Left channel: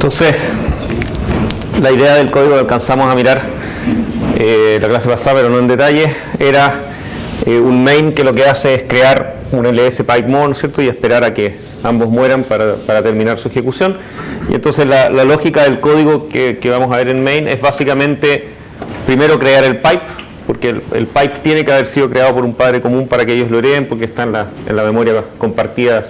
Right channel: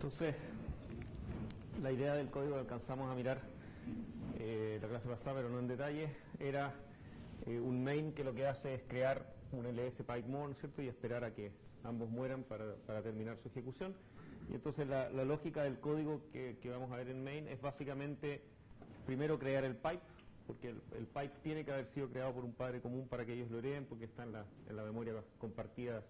Entonces, la idea del código que alcanzamos a mirar la clase pasada, pero no en detalle, era un main que lo que hace es crear un ls pipe more, ¿no es cierto?, y esperar a que ambos mueran para terminar su ejecución. Y entonces la lógica del código que vamos a ver en main es básicamente primero crear el pipe, porque el pipe tiene que haber sido creado por un padre común para que ellos lo hereden, porque está en la memoria compartida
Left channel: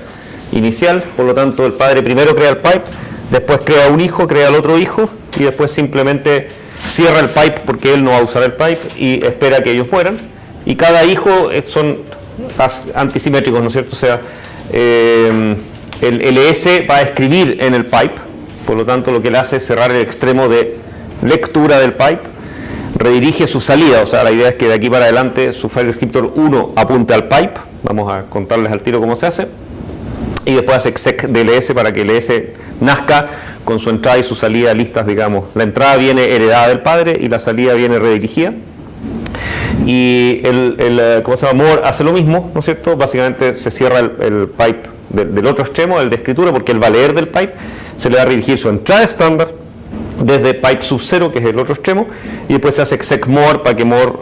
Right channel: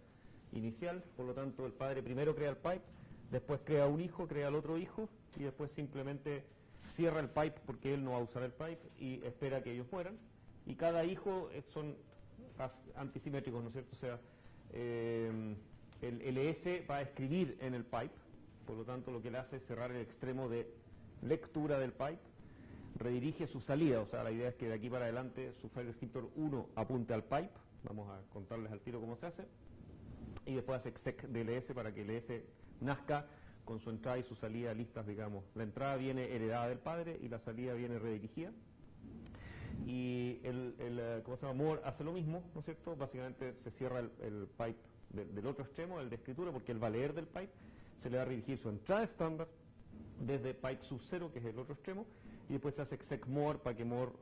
inicial. Por lo tanto, el padre primero crea el pipe, después crea un hijo, crea el otro hijo, y después simplemente cierra el pipe porque él no va a usar el pipe y espera que ellos mueran. Y cada hijo son antisimétricos, ¿no es cierto? O sea, el ls va a escribir en el pipe, por lo tanto lo que le hace es cerrar el extremo de lectura del pipe, redirige su salida, o sea, la idea es que de aquí para adelante su file descriptor 1 apunte al pipe, vamos a contarles al tiro cómo se hace, y después hace exec de ls para que el ls nazca con su entrada y su salida listas, digamos. La entrada viene heredada del padre y la salida viene redirigida. Y ¿cómo se llama? More hace lo mismo, ¿no es cierto? Básicamente se cierra el pipe del otro extremo, el de escritura, porque él va a leer del pipe, se le va a redirigir su entrada estándar desde pipe sub 0, que es el otro extremo, y después se hace exec more para que more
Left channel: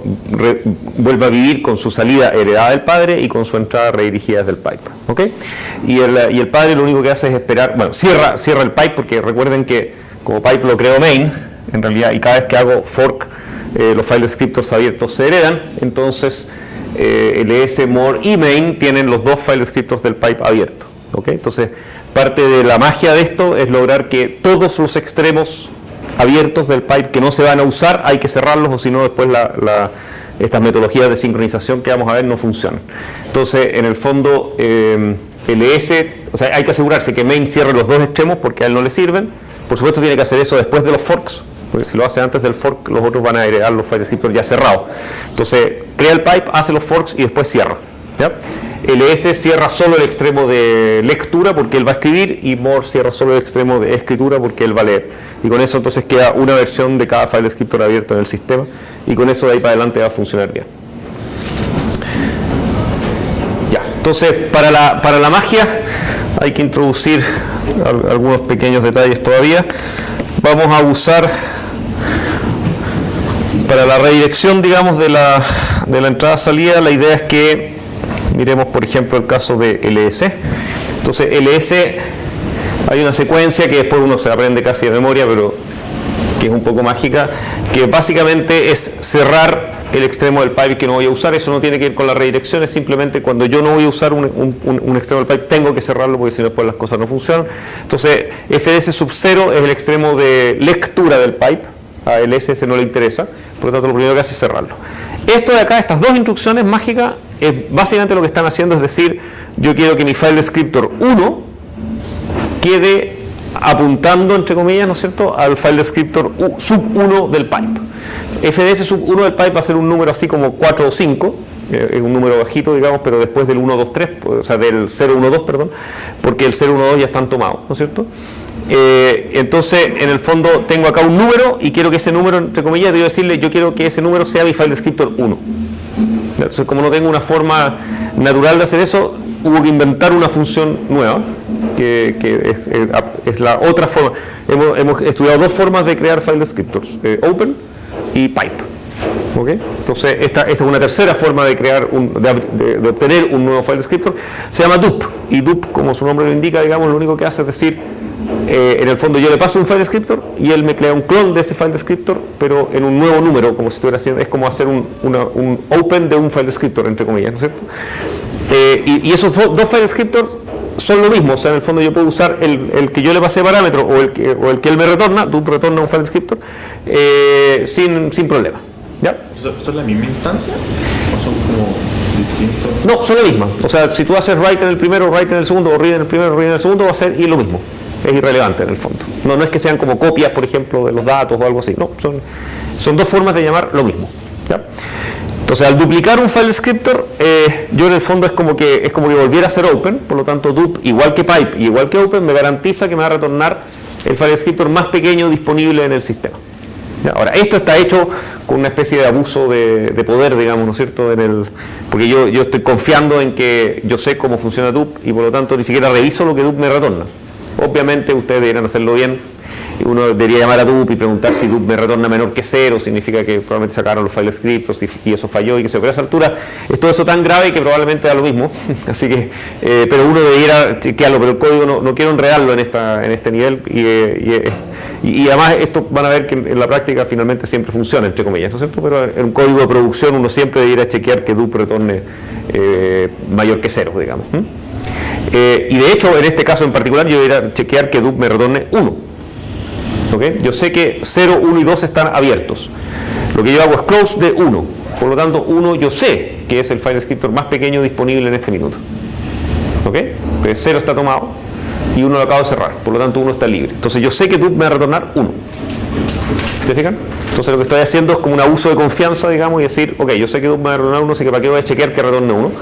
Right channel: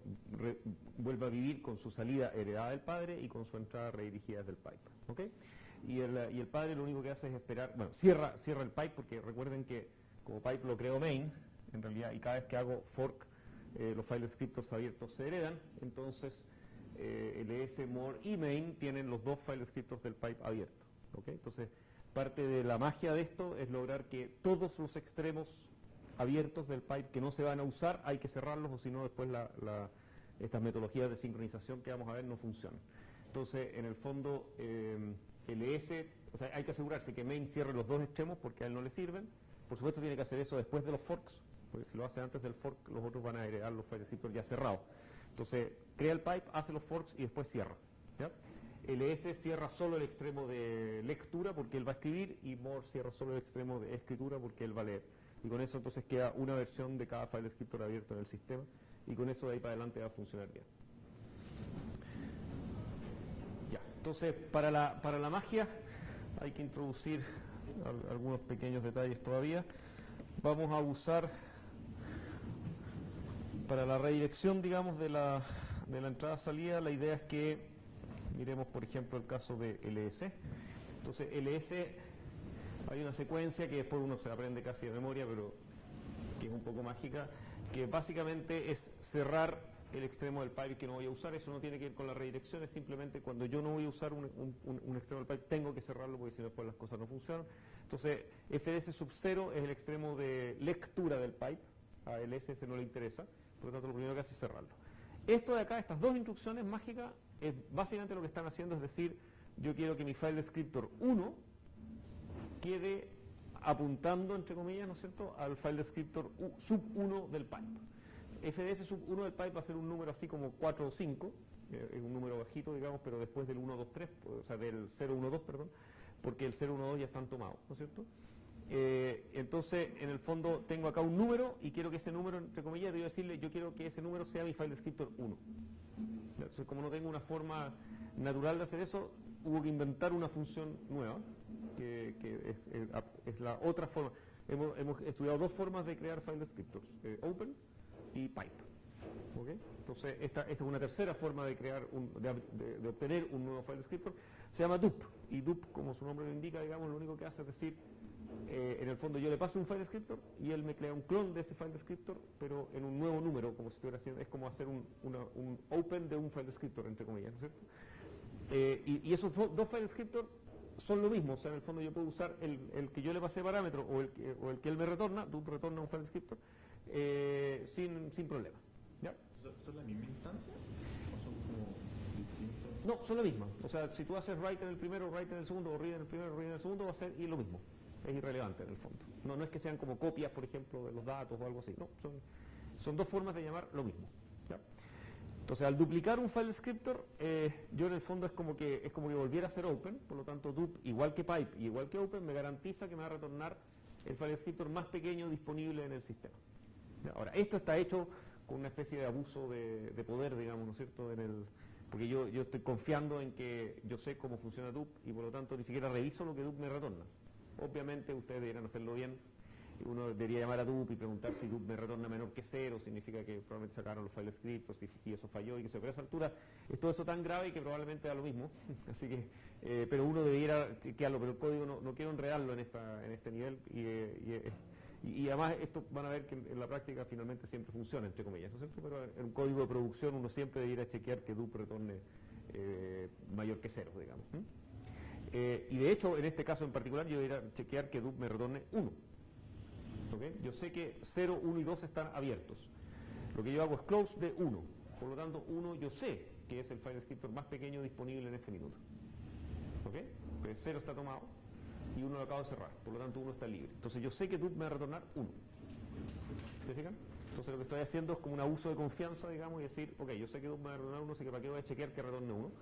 vuelva a vivir con su salida heredada del padre y con su entrada redirigida desde el pipe, ¿ok? Y el padre lo único que hace es esperar, bueno, cierra el pipe, porque recuerden que como pipe lo creo main, en realidad, y cada vez que hago fork, los file descriptors abiertos se heredan, entonces ls, more y main tienen los dos file descriptors del pipe abierto, ¿ok? Entonces, parte de la magia de esto es lograr que todos los extremos abiertos del pipe que no se van a usar hay que cerrarlos, o si no después estas metodologías de sincronización que vamos a ver no funcionan. Entonces, en el fondo, ls, o sea, hay que asegurarse que main cierre los dos extremos porque a él no le sirven. Por supuesto tiene que hacer eso después de los forks, porque si lo hace antes del fork, los otros van a heredar los file descriptors ya cerrados. Entonces, crea el pipe, hace los forks y después cierra, ¿ya? ls cierra solo el extremo de lectura porque él va a escribir, y more cierra solo el extremo de escritura porque él va a leer. Y con eso entonces queda una versión de cada file descriptor abierto en el sistema, y con eso de ahí para adelante va a funcionar bien. Ya, entonces para la magia hay que introducir algunos pequeños detalles todavía. Vamos a usar para la redirección, digamos, de la entrada-salida, la idea es que miremos, por ejemplo, el caso de ls. Entonces, ls, hay una secuencia que después uno se aprende casi de memoria, pero que es un poco mágica, que básicamente es cerrar el extremo del pipe que no voy a usar. Eso no tiene que ir con la redirección, es simplemente cuando yo no voy a usar un extremo del pipe, tengo que cerrarlo porque si no después las cosas no funcionan. Entonces, fds sub 0 es el extremo de lectura del pipe, a ls no le interesa, por lo tanto lo primero que hace es cerrarlo. Esto de acá, estas dos instrucciones mágicas, básicamente lo que están haciendo es decir, yo quiero que mi file descriptor 1 quede apuntando, entre comillas, ¿no es cierto?, al file descriptor sub 1 del pipe. fds sub 1 del pipe va a ser un número así como 4 o 5, es un número bajito, digamos, pero después del 1, 2, 3, o sea, del 0, 1, 2, perdón, porque el 0, 1, 2 ya están tomados, ¿no es cierto? Entonces, en el fondo, tengo acá un número y quiero que ese número, entre comillas, debo decirle, yo quiero que ese número sea mi file descriptor 1. Entonces, como no tengo una forma natural de hacer eso, hubo que inventar una función nueva, que es la otra forma. Hemos estudiado dos formas de crear file descriptors, open y pipe. ¿Okay? Entonces, esta es una tercera forma de crear de obtener un nuevo file descriptor, se llama dup, y dup, como su nombre lo indica, digamos, lo único que hace es decir, en el fondo yo le paso un file descriptor y él me crea un clon de ese file descriptor, pero en un nuevo número, como si estuviera haciendo, es como hacer un open de un file descriptor, entre comillas, ¿no es cierto? Y esos dos file descriptors son lo mismo, o sea, en el fondo yo puedo usar el que yo le pasé parámetro o el que él me retorna, dup retorna un file descriptor sin problema, ¿ya? ¿Esto es la misma instancia? ¿O son como distintos? No, son la misma. O sea, si tú haces write en el primero, write en el segundo, o read en el primero, read en el segundo, va a ser y lo mismo. Es irrelevante en el fondo. No es que sean como copias, por ejemplo, de los datos o algo así. No, son dos formas de llamar lo mismo, ¿ya? Entonces, al duplicar un file descriptor, yo en el fondo es como que volviera a ser open, por lo tanto, dup, igual que pipe y igual que open, me garantiza que me va a retornar el file descriptor más pequeño disponible en el sistema. ¿Ya? Ahora, esto está hecho con una especie de abuso de poder, digamos, ¿no es cierto? Porque yo estoy confiando en que yo sé cómo funciona dup y por lo tanto ni siquiera reviso lo que dup me retorna. Obviamente ustedes deberían hacerlo bien uno debería llamar a dup y preguntar si dup me retorna menor que 0, significa que probablemente sacaron los file scripts y eso falló y que se. Pero a esa altura es todo eso tan grave que probablemente da lo mismo. Así que, pero uno debiera chequearlo, pero el código no quiero enredarlo en este nivel y además esto van a ver que en la práctica finalmente siempre funciona, entre comillas, ¿no es cierto? Pero en un código de producción uno siempre debiera chequear que dup retorne mayor que 0, digamos. Y de hecho, en este caso en particular, yo debería chequear que dup me retorne 1. ¿Okay? Yo sé que 0, 1 y 2 están abiertos. Lo que yo hago es close de 1. Por lo tanto, 1 yo sé que es el file descriptor más pequeño disponible en este minuto. ¿Okay? Pues 0 está tomado y 1 lo acabo de cerrar. Por lo tanto, 1 está libre. Entonces yo sé que dup me va a retornar 1. ¿Se fijan? Entonces lo que estoy haciendo es como un abuso de confianza, digamos, y decir, ok, yo sé que dup me va a retornar 1, así que para qué voy a chequear que retorne 1.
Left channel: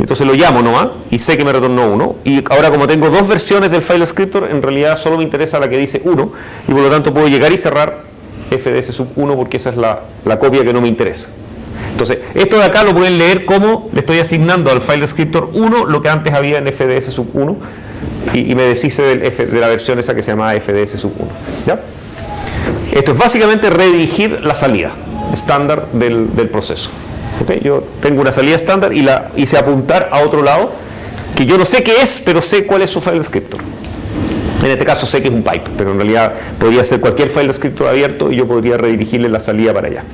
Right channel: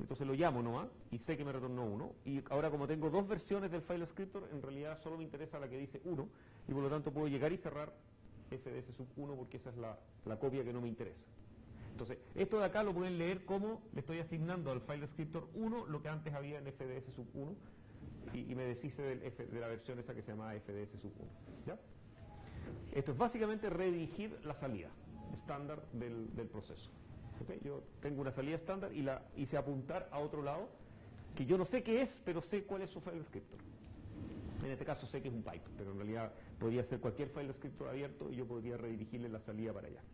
Entonces lo llamo nomás y sé que me retornó 1. Y ahora, como tengo dos versiones del file descriptor, en realidad solo me interesa la que dice 1 y por lo tanto puedo llegar y cerrar fds sub 1 porque esa es la copia que no me interesa. Entonces, esto de acá lo pueden leer como le estoy asignando al file descriptor 1 lo que antes había en fds sub 1 y me deshice de la versión esa que se llamaba fds sub 1. ¿Ya? Esto es básicamente redirigir la salida estándar del proceso. ¿Okay? Yo tengo una salida estándar y la hice apuntar a otro lado que yo no sé qué es, pero sé cuál es su file descriptor. En este caso sé que es un pipe, pero en realidad podría ser cualquier file descriptor abierto y yo podría redirigirle la salida para allá.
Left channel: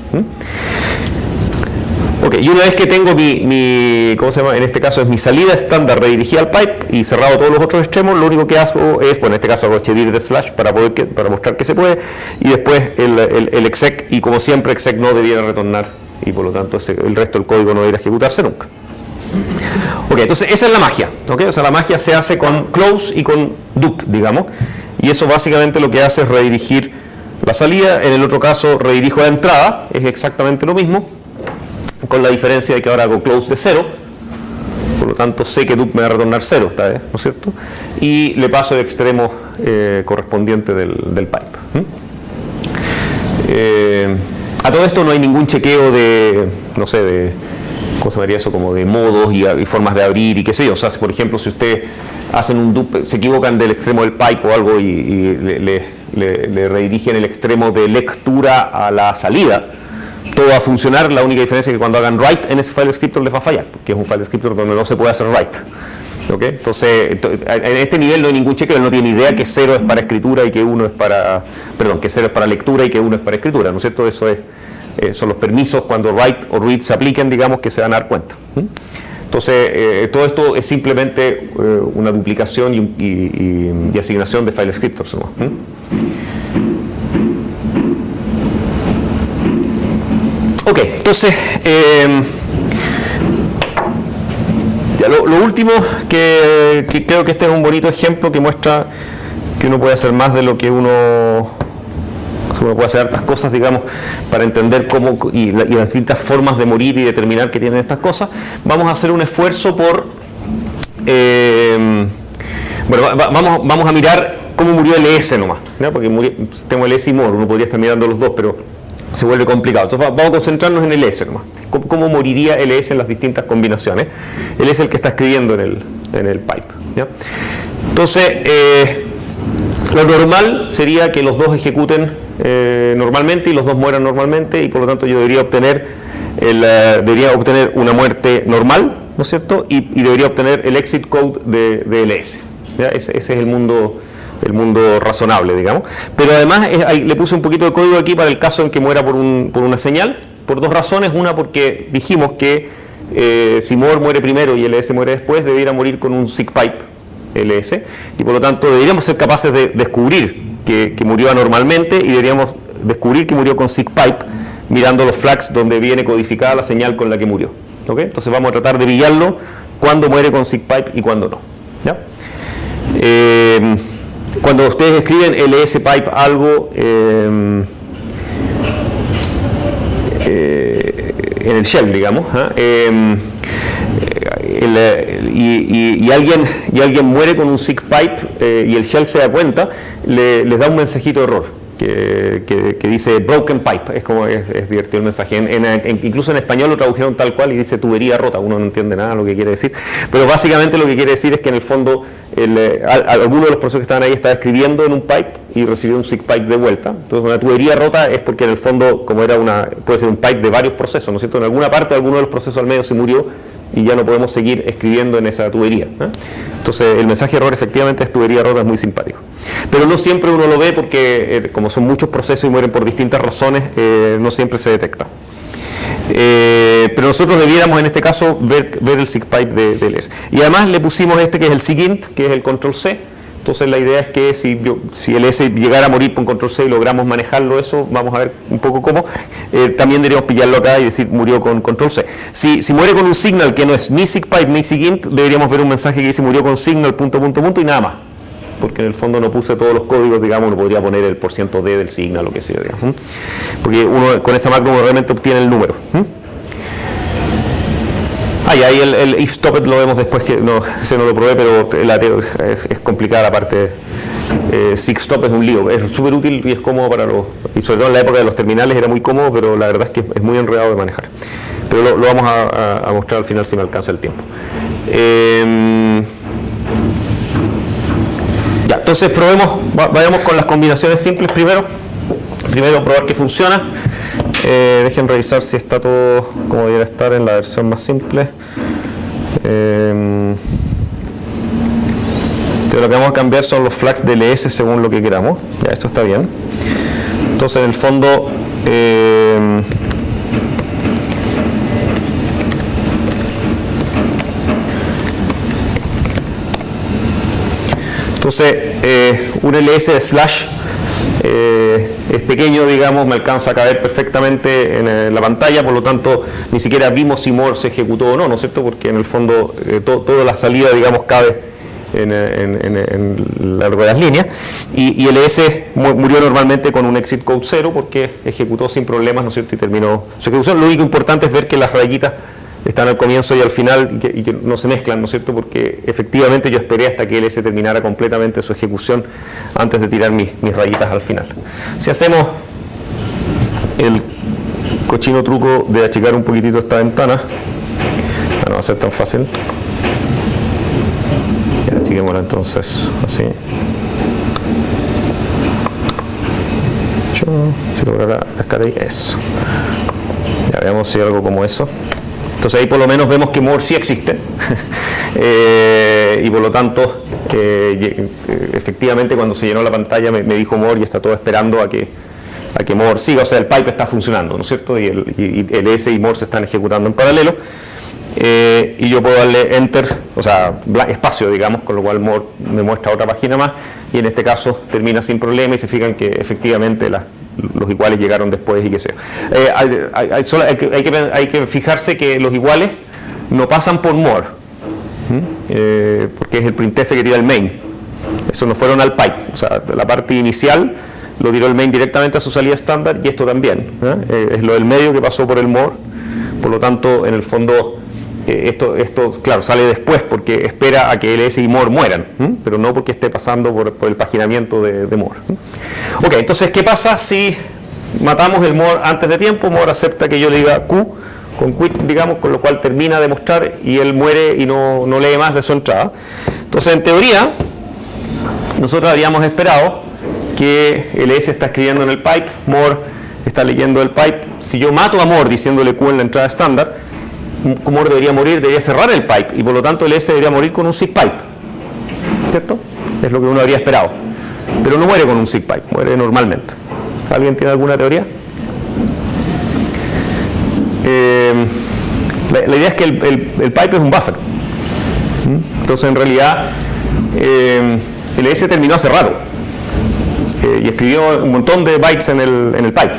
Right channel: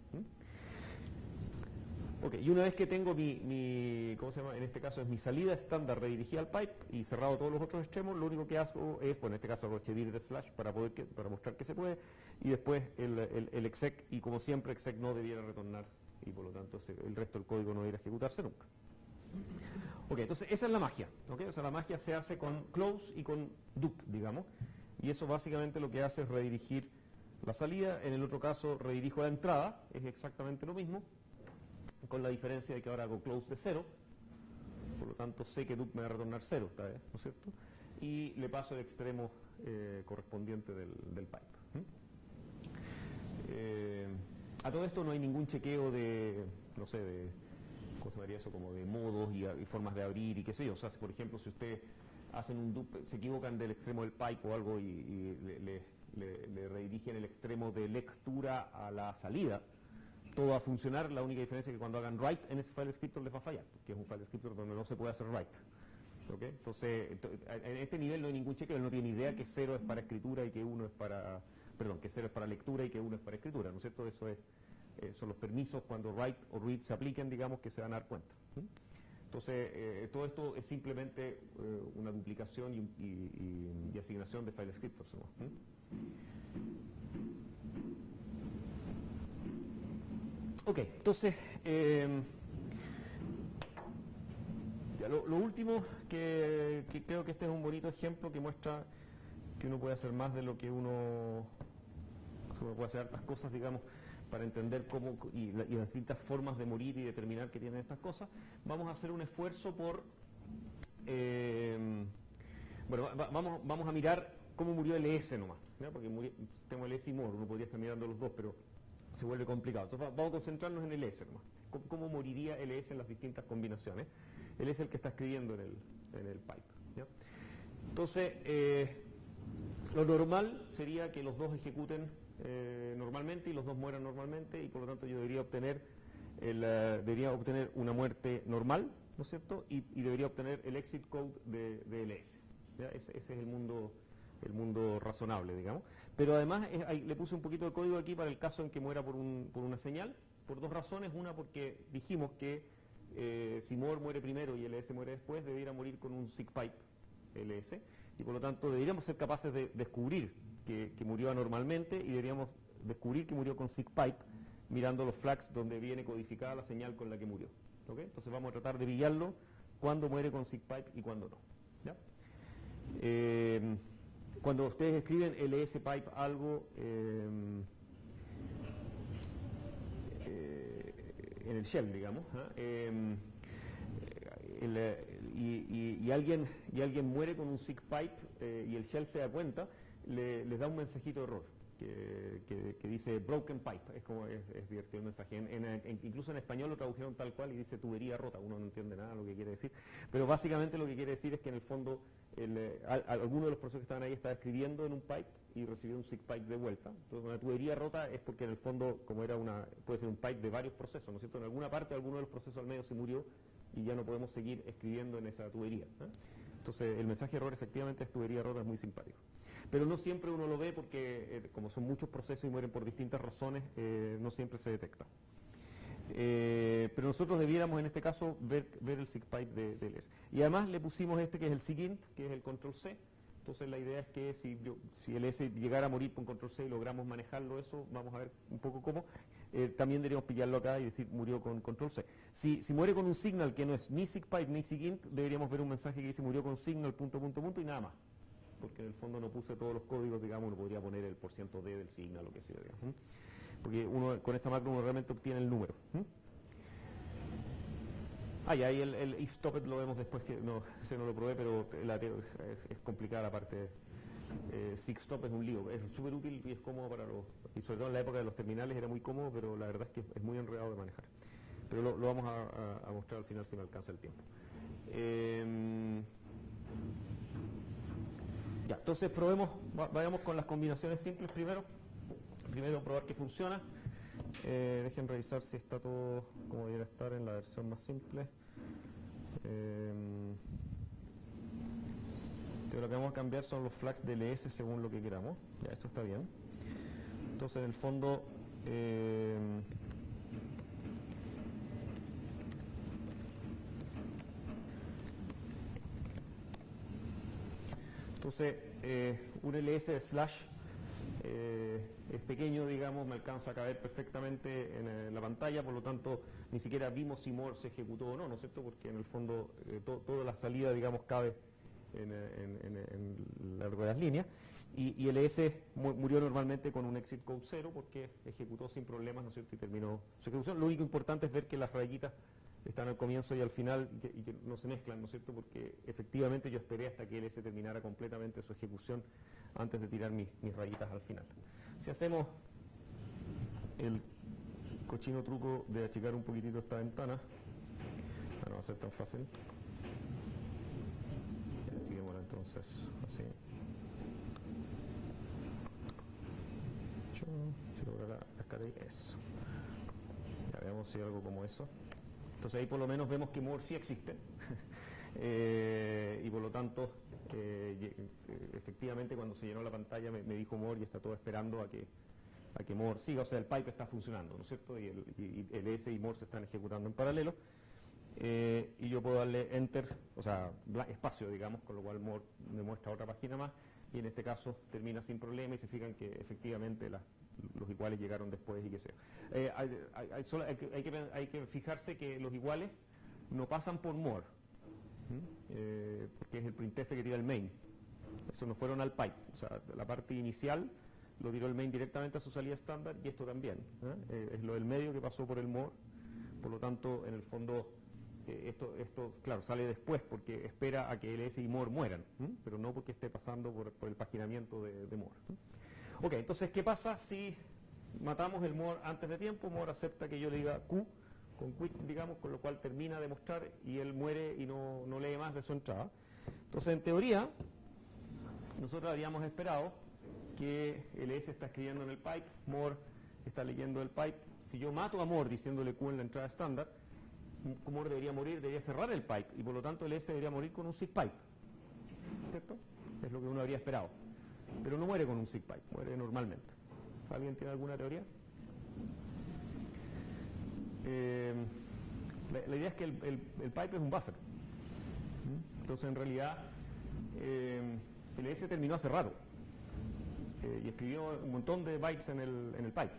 Ok, y una vez que tengo ¿cómo se llama? En este caso es mi salida estándar redirigida al pipe y cerrado todos los otros extremos, lo único que hago es, bueno, en este caso hago chedir de slash para mostrar que se puede, y después el exec, y como siempre exec no debiera retornar, y por lo tanto el resto del código no debería ejecutarse nunca. Ok, entonces esa es la magia. ¿Okay? O sea, la magia se hace con close y con dup, digamos, y eso básicamente lo que hace es redirigir la salida. En el otro caso redirijo la entrada, es exactamente lo mismo, con la diferencia de que ahora hago close de 0, por lo tanto sé que dup me va a retornar 0 esta vez, ¿no es cierto? Y le paso el extremo correspondiente del pipe. A todo esto no hay ningún chequeo de, no sé, ¿cómo se llamaría eso? Como de modos y formas de abrir y qué sé yo. O sea, por ejemplo, si ustedes hacen un dup, se equivocan del extremo del pipe o algo y le redirigen el extremo de lectura a la salida, todo va a funcionar. La única diferencia es que cuando hagan write en ese file descriptor les va a fallar, porque es un file descriptor donde no se puede hacer write. ¿Okay? Entonces, en este nivel no hay ningún chequeo, él no tiene idea que 0 es para escritura y que 1 es para, que 0 es para lectura y que 1 es para escritura, ¿no es cierto? Eso son los permisos cuando write o read se apliquen, digamos, que se van a dar cuenta. Entonces, todo esto es simplemente una duplicación y asignación de file descriptors, ¿no? Ok, entonces, ya lo último, que creo que este es un bonito ejemplo que muestra que uno puede hacer más de lo que uno puede hacer hartas cosas, digamos, para entender cómo y las distintas formas de morir y determinar que tienen estas cosas. Vamos a hacer un esfuerzo por, vamos a mirar cómo murió LS nomás, ¿no? Porque tengo LS y more, uno podría estar mirando los dos, pero se vuelve complicado. Entonces vamos a concentrarnos en LS nomás. ¿Cómo moriría LS en las distintas combinaciones? Él es el que está escribiendo en el pipe, ¿ya? Entonces, lo normal sería que los dos ejecuten normalmente y los dos mueran normalmente, y por lo tanto yo debería obtener una muerte normal, ¿no es cierto? Y debería obtener el exit code de LS. ¿Ya? Ese es el mundo razonable, digamos. Pero además le puse un poquito de código aquí para el caso en que muera por una señal, por dos razones. Una, porque dijimos que si more muere primero y LS muere después, debiera morir con un sick pipe LS, y por lo tanto deberíamos ser capaces de descubrir que murió anormalmente, y deberíamos descubrir que murió con sick pipe mirando los flags donde viene codificada la señal con la que murió. ¿Okay? Entonces vamos a tratar de pillarlo cuando muere con sick pipe y cuando no. ¿Ya? Cuando ustedes escriben ls pipe algo en el shell, digamos, y alguien muere con un sick pipe y el shell se da cuenta, les da un mensajito de error. que dice broken pipe, es divertido el mensaje. Incluso en español lo tradujeron tal cual y dice tubería rota, uno no entiende nada lo que quiere decir, pero básicamente lo que quiere decir es que en el fondo alguno de los procesos que estaban ahí estaba escribiendo en un pipe y recibió un SIG pipe de vuelta. Entonces una tubería rota es porque en el fondo, como puede ser un pipe de varios procesos, ¿no es cierto? En alguna parte alguno de los procesos al medio se murió y ya no podemos seguir escribiendo en esa tubería, ¿eh? Entonces el mensaje de error efectivamente es tubería rota, es muy simpático. Pero no siempre uno lo ve porque como son muchos procesos y mueren por distintas razones, no siempre se detecta. Pero nosotros debiéramos en este caso ver el SIG pipe de LS. Y además le pusimos que es el SIGINT, que es el control C. Entonces la idea es que si el S llegara a morir con control C y logramos manejarlo eso, vamos a ver un poco cómo, también deberíamos pillarlo acá y decir murió con control C. Si muere con un signal que no es ni SIGPipe ni SIGINT, deberíamos ver un mensaje que dice murió con signal ... y nada más. Porque en el fondo no puse todos los códigos, digamos, no podría poner el %d del signal, lo que sea, digamos. Porque uno con esa macro realmente obtiene el número. Y ahí el if stopped lo vemos después, que no lo probé, pero es complicada la parte. SIG stop es un lío, es súper útil y es cómodo y sobre todo en la época de los terminales era muy cómodo, pero la verdad es que es muy enredado de manejar. Pero lo vamos a mostrar al final si me alcanza el tiempo. Entonces vayamos con las combinaciones simples primero. Primero probar que funciona. Dejen revisar si está todo como debería estar en la versión más simple. Lo que vamos a cambiar son los flags de LS según lo que queramos. Ya, esto está bien. Entonces en el fondo un LS de slash es pequeño, digamos, me alcanza a caber perfectamente en la pantalla, por lo tanto ni siquiera vimos si more se ejecutó o no, ¿no es cierto? Porque en el fondo toda la salida, digamos, cabe en largo de las líneas, y el S murió normalmente con un exit code 0 porque ejecutó sin problemas, ¿no es cierto? Y terminó su ejecución. Lo único importante es ver que las rayitas están al comienzo y al final y que no se mezclan, ¿no es cierto? Porque efectivamente yo esperé hasta que el S terminara completamente su ejecución antes de tirar mis rayitas al final. Si hacemos el cochino truco de achicar un poquitito esta ventana, no va a ser tan fácil. Ya, achiquémosla entonces así. Si lograra cascar ahí, eso. Ya veamos si algo como eso. Entonces ahí por lo menos vemos que more sí existe y por lo tanto efectivamente cuando se llenó la pantalla me dijo more y está todo esperando a que more siga, o sea el pipe está funcionando, ¿no es cierto? Y el S y more se están ejecutando en paralelo y yo puedo darle enter, o sea espacio, digamos, con lo cual more me muestra otra página más y en este caso termina sin problema y se fijan que efectivamente los iguales llegaron después y qué sé. Hay que fijarse que los iguales no pasan por more, porque es el printf que tira el main. Eso no fueron al pipe, o sea, la parte inicial lo tiró el main directamente a su salida estándar y esto también. Es lo del medio que pasó por el more, por lo tanto, en el fondo, esto claro, sale después porque espera a que LS y more mueran, pero no porque esté pasando por el paginamiento de more. Ok, entonces, ¿qué pasa si matamos el more antes de tiempo? More acepta que yo le diga Q con quit, digamos, con lo cual termina de mostrar y él muere y no lee más de su entrada. Entonces, en teoría, nosotros habríamos esperado que LS está escribiendo en el pipe, more está leyendo el pipe. Si yo mato a more diciéndole Q en la entrada estándar, more debería morir, debería cerrar el pipe y por lo tanto el S debería morir con un SIG pipe, ¿cierto? Es lo que uno habría esperado, pero no muere con un SIG pipe, muere normalmente. ¿Alguien tiene alguna teoría? La idea es que el pipe es un buffer, entonces en realidad el S terminó hace rato y escribió un montón de bytes en el pipe.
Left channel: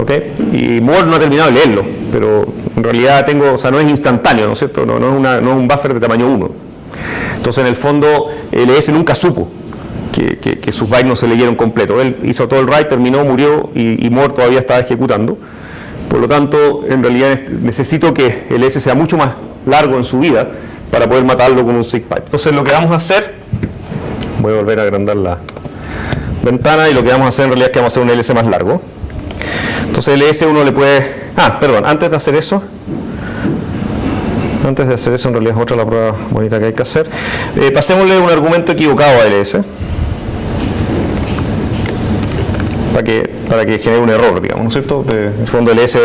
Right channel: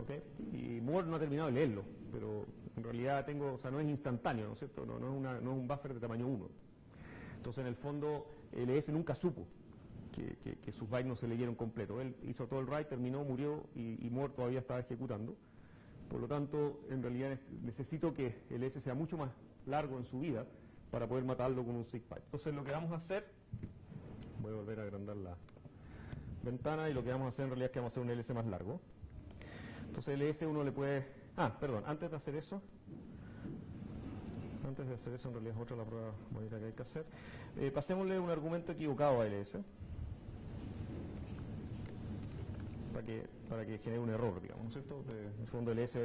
¿Okay? Y more no ha terminado de leerlo, pero en realidad no es instantáneo, ¿no es cierto? No es un buffer de tamaño 1. Entonces, en el fondo, el ES nunca supo que sus bytes no se leyeron completo. Él hizo todo el write, terminó, murió y more todavía estaba ejecutando. Por lo tanto, en realidad necesito que el ES sea mucho más largo en su vida para poder matarlo con un SIG pipe. Entonces, lo que vamos a hacer, voy a volver a agrandar la ventana, y lo que vamos a hacer en realidad es que vamos a hacer un ls más largo. Entonces ls uno le puede... perdón, antes de hacer eso en realidad es otra la prueba bonita que hay que hacer. Pasémosle un argumento equivocado a ls para que genere un error, digamos, ¿no es cierto? En el fondo ls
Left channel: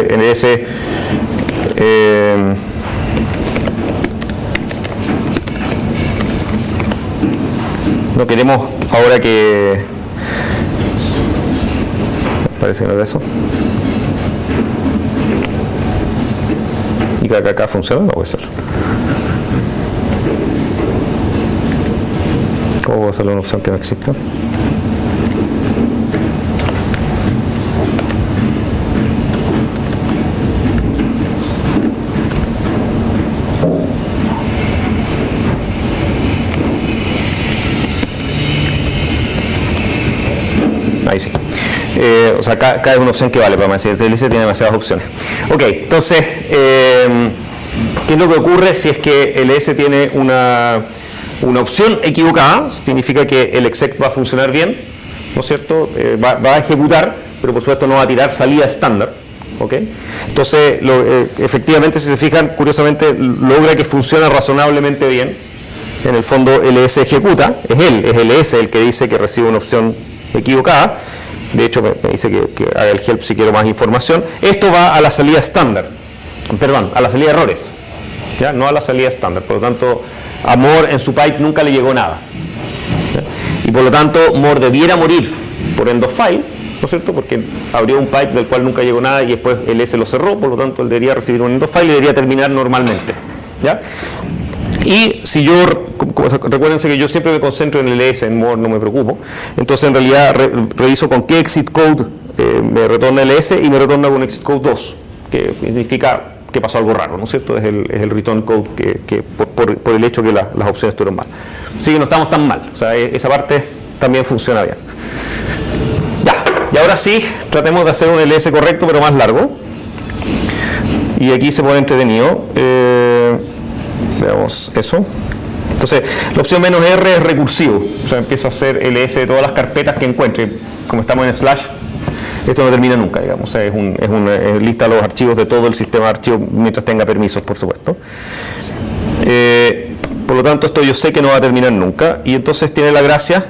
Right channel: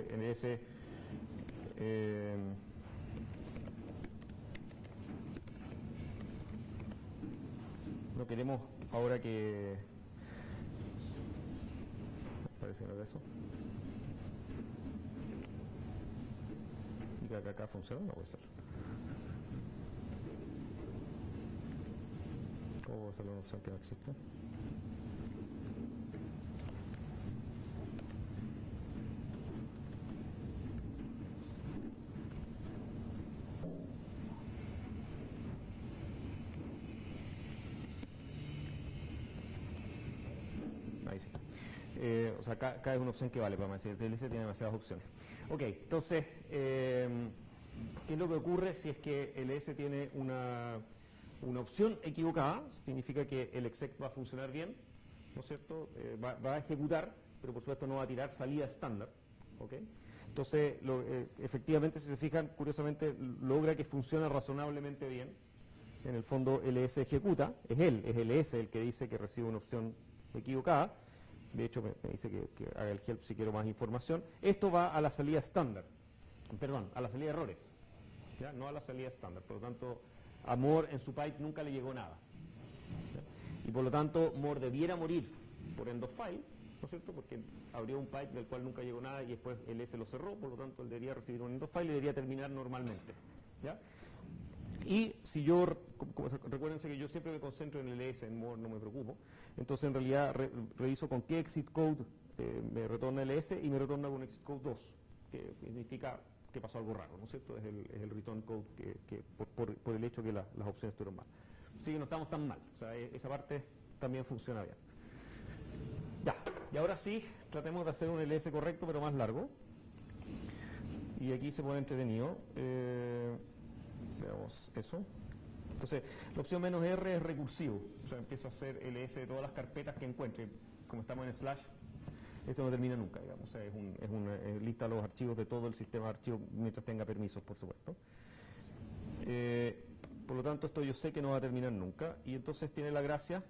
no queremos ahora que... Parece que no es eso. ¿Y que acá funciona? No puede ser. ¿Cómo puedo hacerle una opción que no existe? Ahí sí. O sea, acá es una opción que vale, para decir, el ls tiene demasiadas opciones. Ok, entonces, ¿qué es lo que ocurre si es que el ls tiene una opción equivocada? Significa que el exec va a funcionar bien, ¿no es cierto? Va a ejecutar, pero por supuesto no va a tirar salida estándar. ¿Ok? Entonces, efectivamente, si se fijan, curiosamente logra que funcione razonablemente bien. En el fondo, ls ejecuta, es el ls el que dice que recibe una opción equivocada. De hecho, me dice que haga el help si quiero más información. Esto va a la salida estándar, perdón, a la salida de errores, ¿ya? No a la salida estándar. Por lo tanto, a More en su pipe nunca le llegó nada, ¿ya? Y por lo tanto, More debiera morir por end of file, ¿no es cierto? Porque abrió un pipe del cual nunca llegó nada y después el S lo cerró, por lo tanto, él debería recibir un end of file y debería terminar normalmente, ¿ya? Y si yo, recuérdense que yo siempre me concentro en el ls, en More no me preocupo, entonces en realidad reviso con qué exit code me retorna el ls y me retorna con exit code 2, que significa que pasó algo raro, ¿no es cierto? Es el return code que por el hecho que las opciones estuvieron mal. Así que no estamos tan mal, o sea, esa parte también funciona bien. Ya, y ahora sí, tratemos de hacer un ls correcto pero más largo. Y aquí se pone entretenido. Veamos eso. Entonces, la opción "-r" es recursivo, o sea, empieza a hacer ls de todas las carpetas que encuentre. Como estamos en slash, esto no termina nunca, digamos. O sea, es una lista de los archivos de todo el sistema de archivos mientras tenga permisos, por supuesto. Por lo tanto, esto yo sé que no va a terminar nunca, y entonces tiene la gracia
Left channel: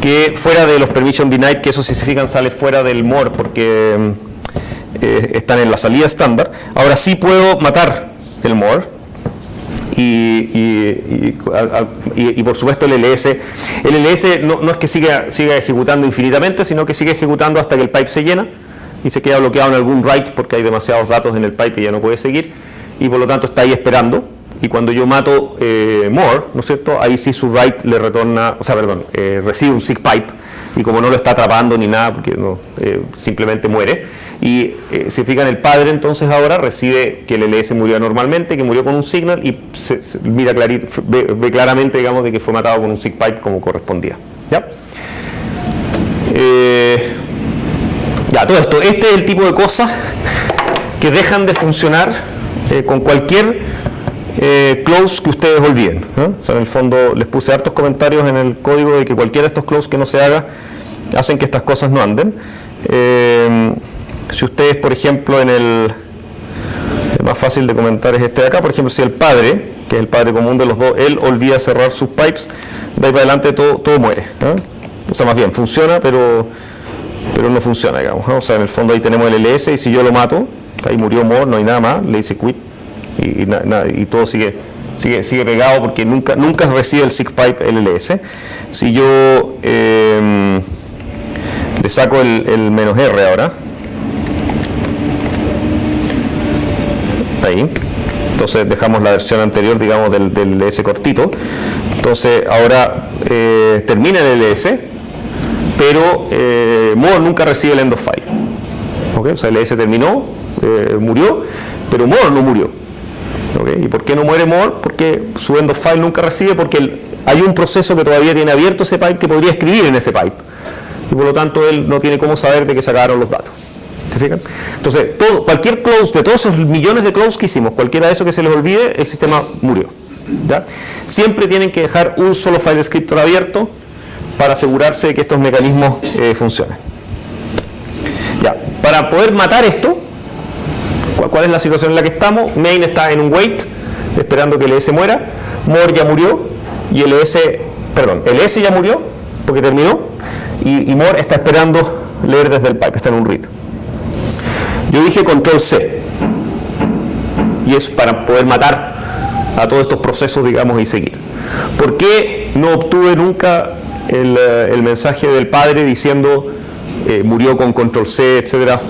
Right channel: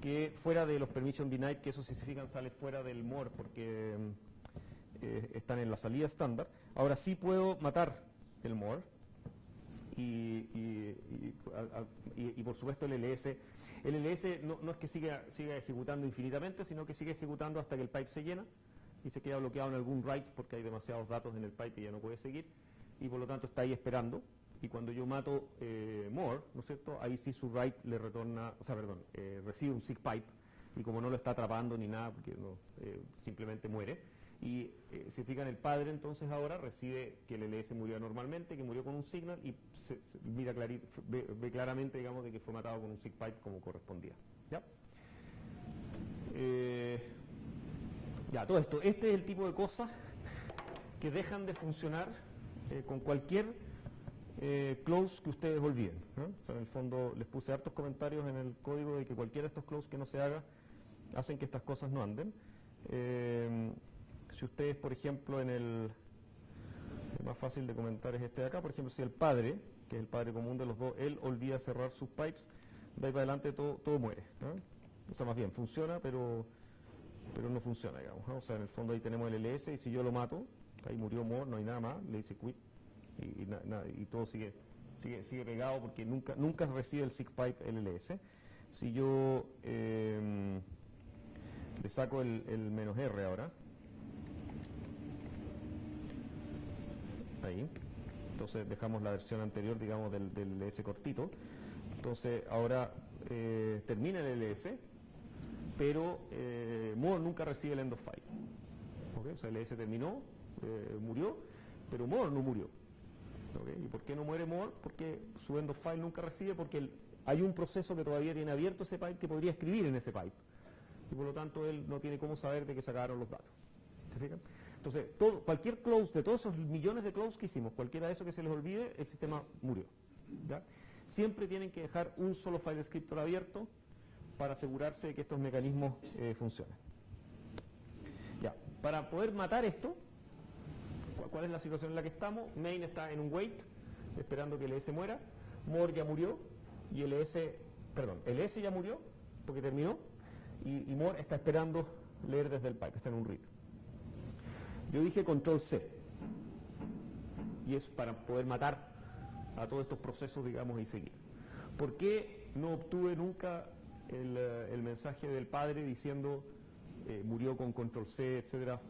que fuera de los permission denied, que eso si se fijan sale fuera del More porque están en la salida estándar. Ahora sí puedo matar el More. Y por supuesto el ls no es que siga ejecutando infinitamente, sino que sigue ejecutando hasta que el pipe se llena y se queda bloqueado en algún write porque hay demasiados datos en el pipe y ya no puede seguir, y por lo tanto está ahí esperando. Y cuando yo mato More, ¿no es cierto? Ahí sí su write le retorna, o sea, perdón, recibe un sick pipe, y como no lo está atrapando ni nada, porque no, simplemente muere. Y se fijan, el padre entonces ahora recibe que el ls murió normalmente, que murió con un signal, y mira ve claramente, digamos, de que fue matado con un sick pipe como correspondía. ¿Ya? Ya, todo esto, este es el tipo de cosas que dejan de funcionar con cualquier close que ustedes olviden, ¿no? O sea, en el fondo les puse hartos comentarios en el código de que cualquiera de estos close que no se haga hacen que estas cosas no anden. Si ustedes, por ejemplo, el más fácil de comentar es este de acá, por ejemplo, si el padre, que es el padre común de los dos, él olvida cerrar sus pipes, de ahí para adelante todo muere, ¿no? O sea, más bien funciona, pero no funciona, digamos, ¿no? O sea, en el fondo ahí tenemos el ls, y si yo lo mato, ahí murió More, no hay nada más, le dice quit, y todo sigue pegado porque nunca recibe el sick pipe el ls. Si yo le saco el "-r" ahora, ahí, entonces dejamos la versión anterior, digamos, del ls cortito. Entonces ahora termina el ls, pero More nunca recibe el end of file. ¿Okay? O sea, el ls terminó, murió, pero More no murió. ¿Okay? ¿Y por qué no muere More? Porque su end of file nunca recibe, porque hay un proceso que todavía tiene abierto ese pipe que podría escribir en ese pipe, y por lo tanto él no tiene cómo saber de que sacaron los datos. ¿Se fijan? Entonces, cualquier close, de todos esos millones de close que hicimos, cualquiera de esos que se les olvide, el sistema murió, ¿ya? Siempre tienen que dejar un solo file descriptor abierto para asegurarse de que estos mecanismos funcionen. Ya, para poder matar esto, ¿cuál es la situación en la que estamos? Main está en un wait, esperando que LS muera. More ya murió y LS ya murió porque terminó y More está esperando leer desde el pipe, está en un read. Yo dije control C y es para poder matar a todos estos procesos, digamos, y seguir. ¿Por qué no obtuve nunca el mensaje del padre diciendo murió con control C, etcétera,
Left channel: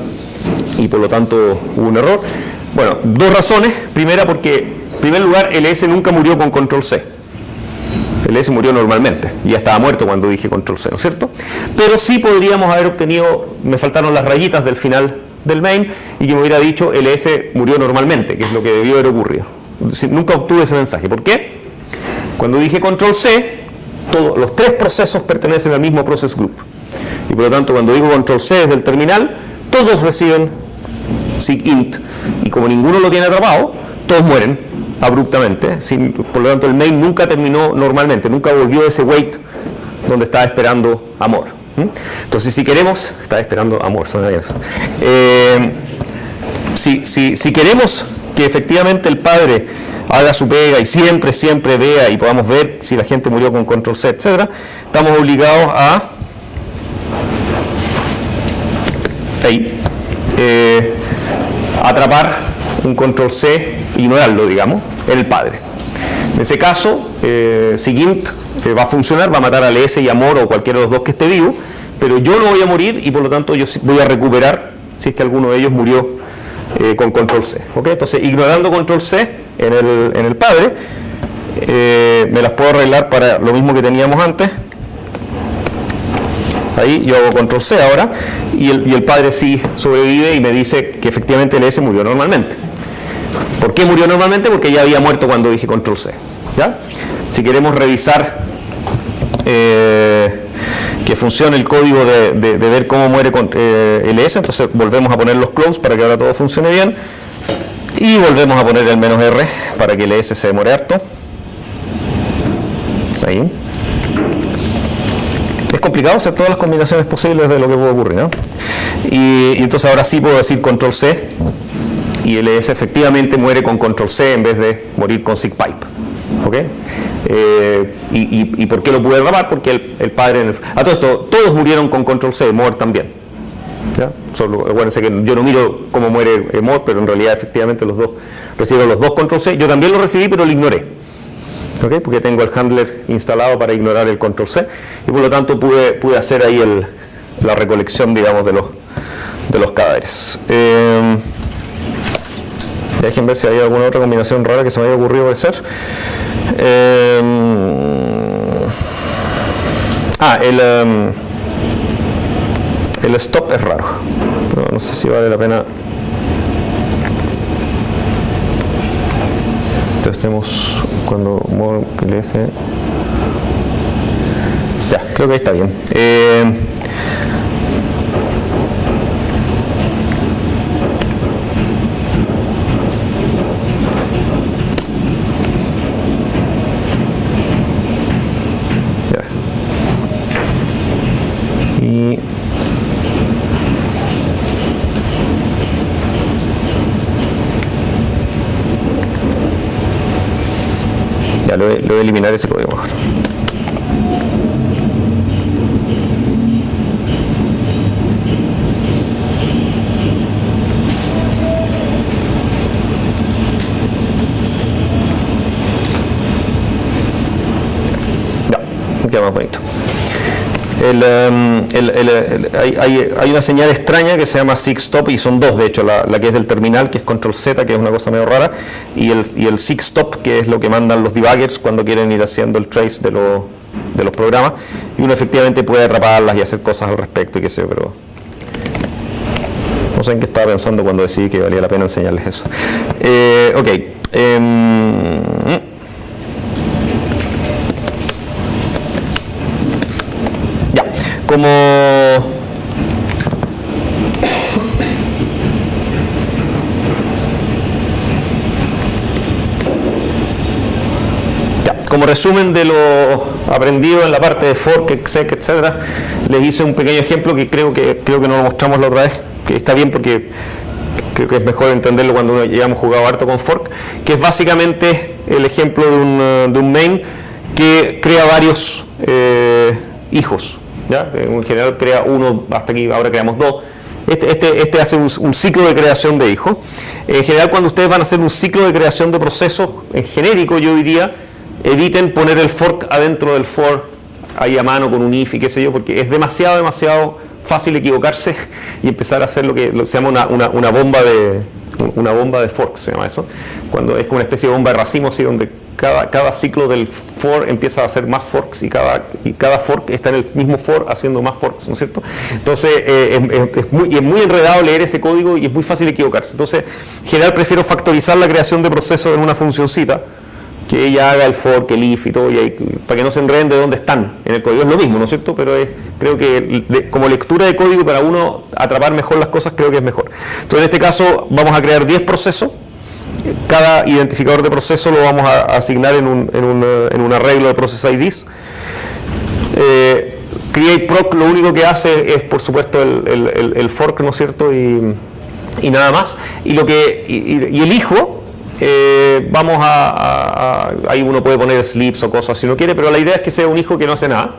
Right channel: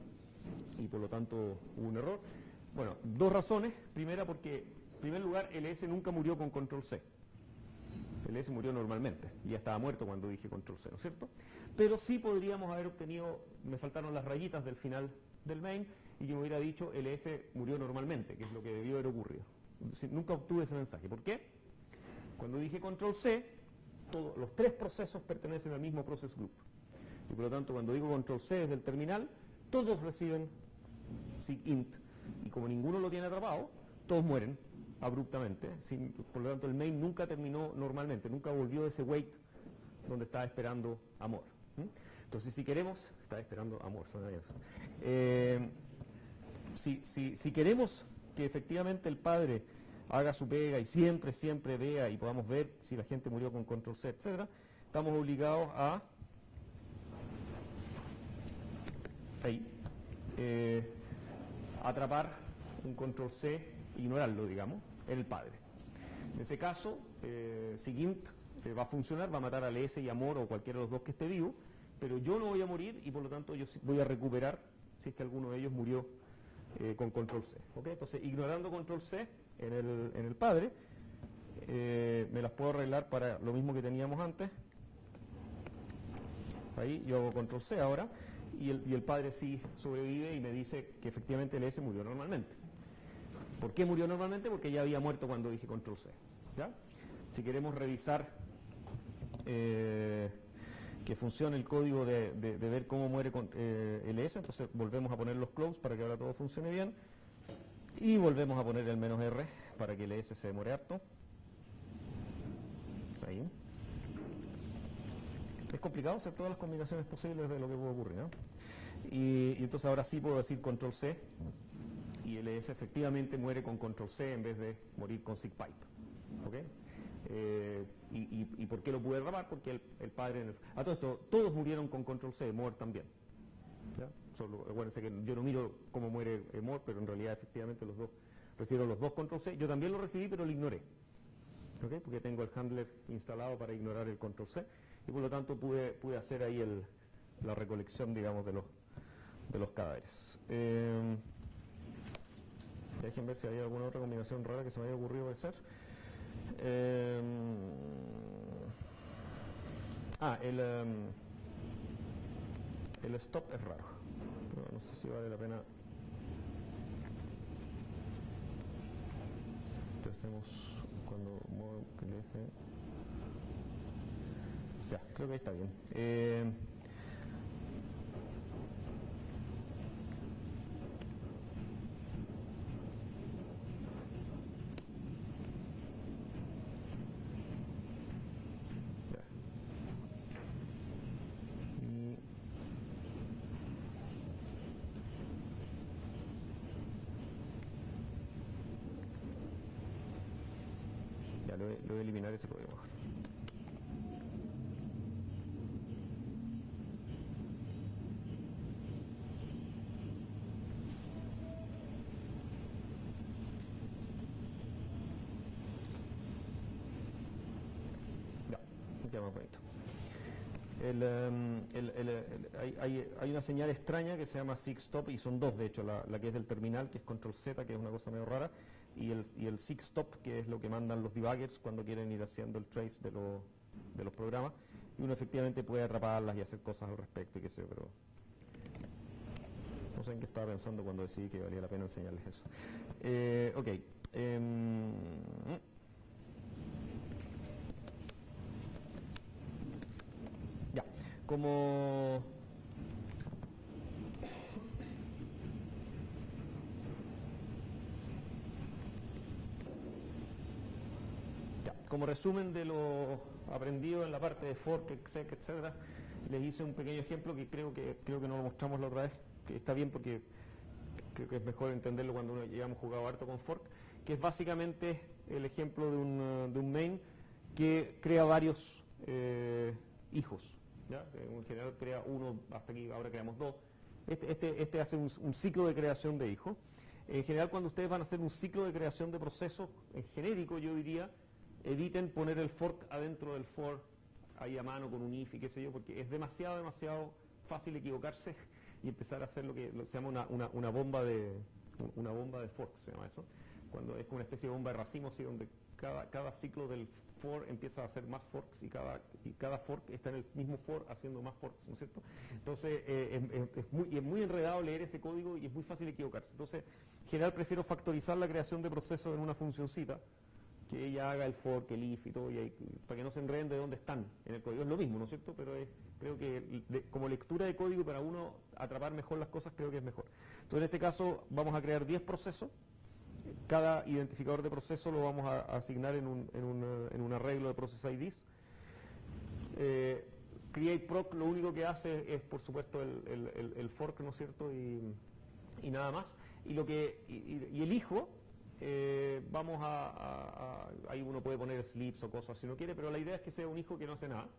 y por lo tanto hubo un error? Bueno, dos razones. Primera, porque en primer lugar LS nunca murió con control C. LS murió normalmente y ya estaba muerto cuando dije control C, ¿no es cierto? Pero sí podríamos haber obtenido, me faltaron las rayitas del final del main y que me hubiera dicho LS murió normalmente, que es lo que debió haber ocurrido. Nunca obtuve ese mensaje. ¿Por qué? Cuando dije control C, todos los tres procesos pertenecen al mismo process group. Y por lo tanto, cuando digo control C desde el terminal, todos reciben SIGINT. Y como ninguno lo tiene atrapado, todos mueren abruptamente. Por lo tanto, el main nunca terminó normalmente, nunca volvió a ese wait donde estaba esperando amor. Entonces, si queremos, estaba esperando amor, suena bien eso. Si queremos que efectivamente el padre haga su pega y siempre vea y podamos ver si la gente murió con control C, etcétera, estamos obligados a atrapar un control C, ignorarlo, digamos, en el padre. En ese caso, SIGINT va a funcionar, va a matar a LS y a More o cualquiera de los dos que esté vivo, pero yo no voy a morir y por lo tanto yo voy a recuperar si es que alguno de ellos murió con control C. ¿Okay? Entonces, ignorando control C en el padre, me las puedo arreglar para lo mismo que teníamos antes. Ahí yo hago control C ahora y el padre sí sobrevive y me dice que efectivamente LS murió normalmente. ¿Por qué murió normalmente? Porque ya había muerto cuando dije control C. ¿Ya? Si queremos revisar que funcione el código de ver cómo muere con LS, entonces volvemos a poner los close para que ahora todo funcione bien y volvemos a poner el "-r" para que LS se demore harto. Ahí. Es complicado hacer todas las combinaciones posibles de lo que puede ocurrir, ¿no? Y entonces ahora sí puedo decir control C y LS efectivamente muere con control C en vez de morir con SIGPipe. ¿Ok? ¿Y por qué lo pude atrapar? Porque el padre... A todo esto, todos murieron con control C, More también. ¿Ya? Solo, acuérdense que yo no miro cómo muere More, pero en realidad efectivamente los dos recibieron los dos control C. Yo también lo recibí, pero lo ignoré. ¿Okay? Porque tengo el handler instalado para ignorar el control C y por lo tanto pude hacer ahí la recolección, digamos, de los cadáveres. Dejen ver si hay alguna otra combinación rara que se me haya ocurrido hacer. El stop es raro, pero no sé si vale la pena. Entonces tenemos cuando LS. Ya, creo que ahí está bien. Lo voy a eliminar ese código mejor. Ya, queda más bonito. Hay una señal extraña que se llama SIGSTOP y son dos, de hecho, la que es del terminal, que es control Z, que es una cosa medio rara, y el SIGSTOP, que es lo que mandan los debuggers cuando quieren ir haciendo el trace de los programas, y uno efectivamente puede atraparlas y hacer cosas al respecto y qué sé yo, pero no sé en qué estaba pensando cuando decidí que valía la pena enseñarles eso. Ok. Como como resumen de lo aprendido en la parte de fork, exec, etcétera, les hice un pequeño ejemplo que creo que no lo mostramos la otra vez, que está bien porque creo que es mejor entenderlo cuando ya hemos jugado harto con fork, que es básicamente el ejemplo de un main que crea varios hijos, ¿ya? En general crea uno, hasta aquí ahora creamos dos. Este hace un ciclo de creación de hijos. En general, cuando ustedes van a hacer un ciclo de creación de procesos, en genérico yo diría, eviten poner el fork adentro del for ahí a mano con un if y qué sé yo, porque es demasiado fácil equivocarse y empezar a hacer lo que se llama una bomba de forks, se llama eso, cuando es como una especie de bomba de racimo, así donde cada ciclo del for empieza a hacer más forks y cada fork está en el mismo for haciendo más forks, ¿no es cierto? Entonces es muy enredado leer ese código y es muy fácil equivocarse. Entonces, en general prefiero factorizar la creación de procesos en una funcioncita, que ella haga el fork, el if y todo, para que no se enreden de dónde están en el código. Es lo mismo, ¿no es cierto? Pero creo que como lectura de código, para uno atrapar mejor las cosas, creo que es mejor. Entonces, en este caso, vamos a crear 10 procesos. Cada identificador de proceso lo vamos a asignar en un arreglo de process IDs. CreateProc lo único que hace es, por supuesto, el fork, ¿no es cierto? Y nada más. Y el hijo, ahí uno puede poner slips o cosas si no quiere, pero la idea es que sea un hijo que no hace nada.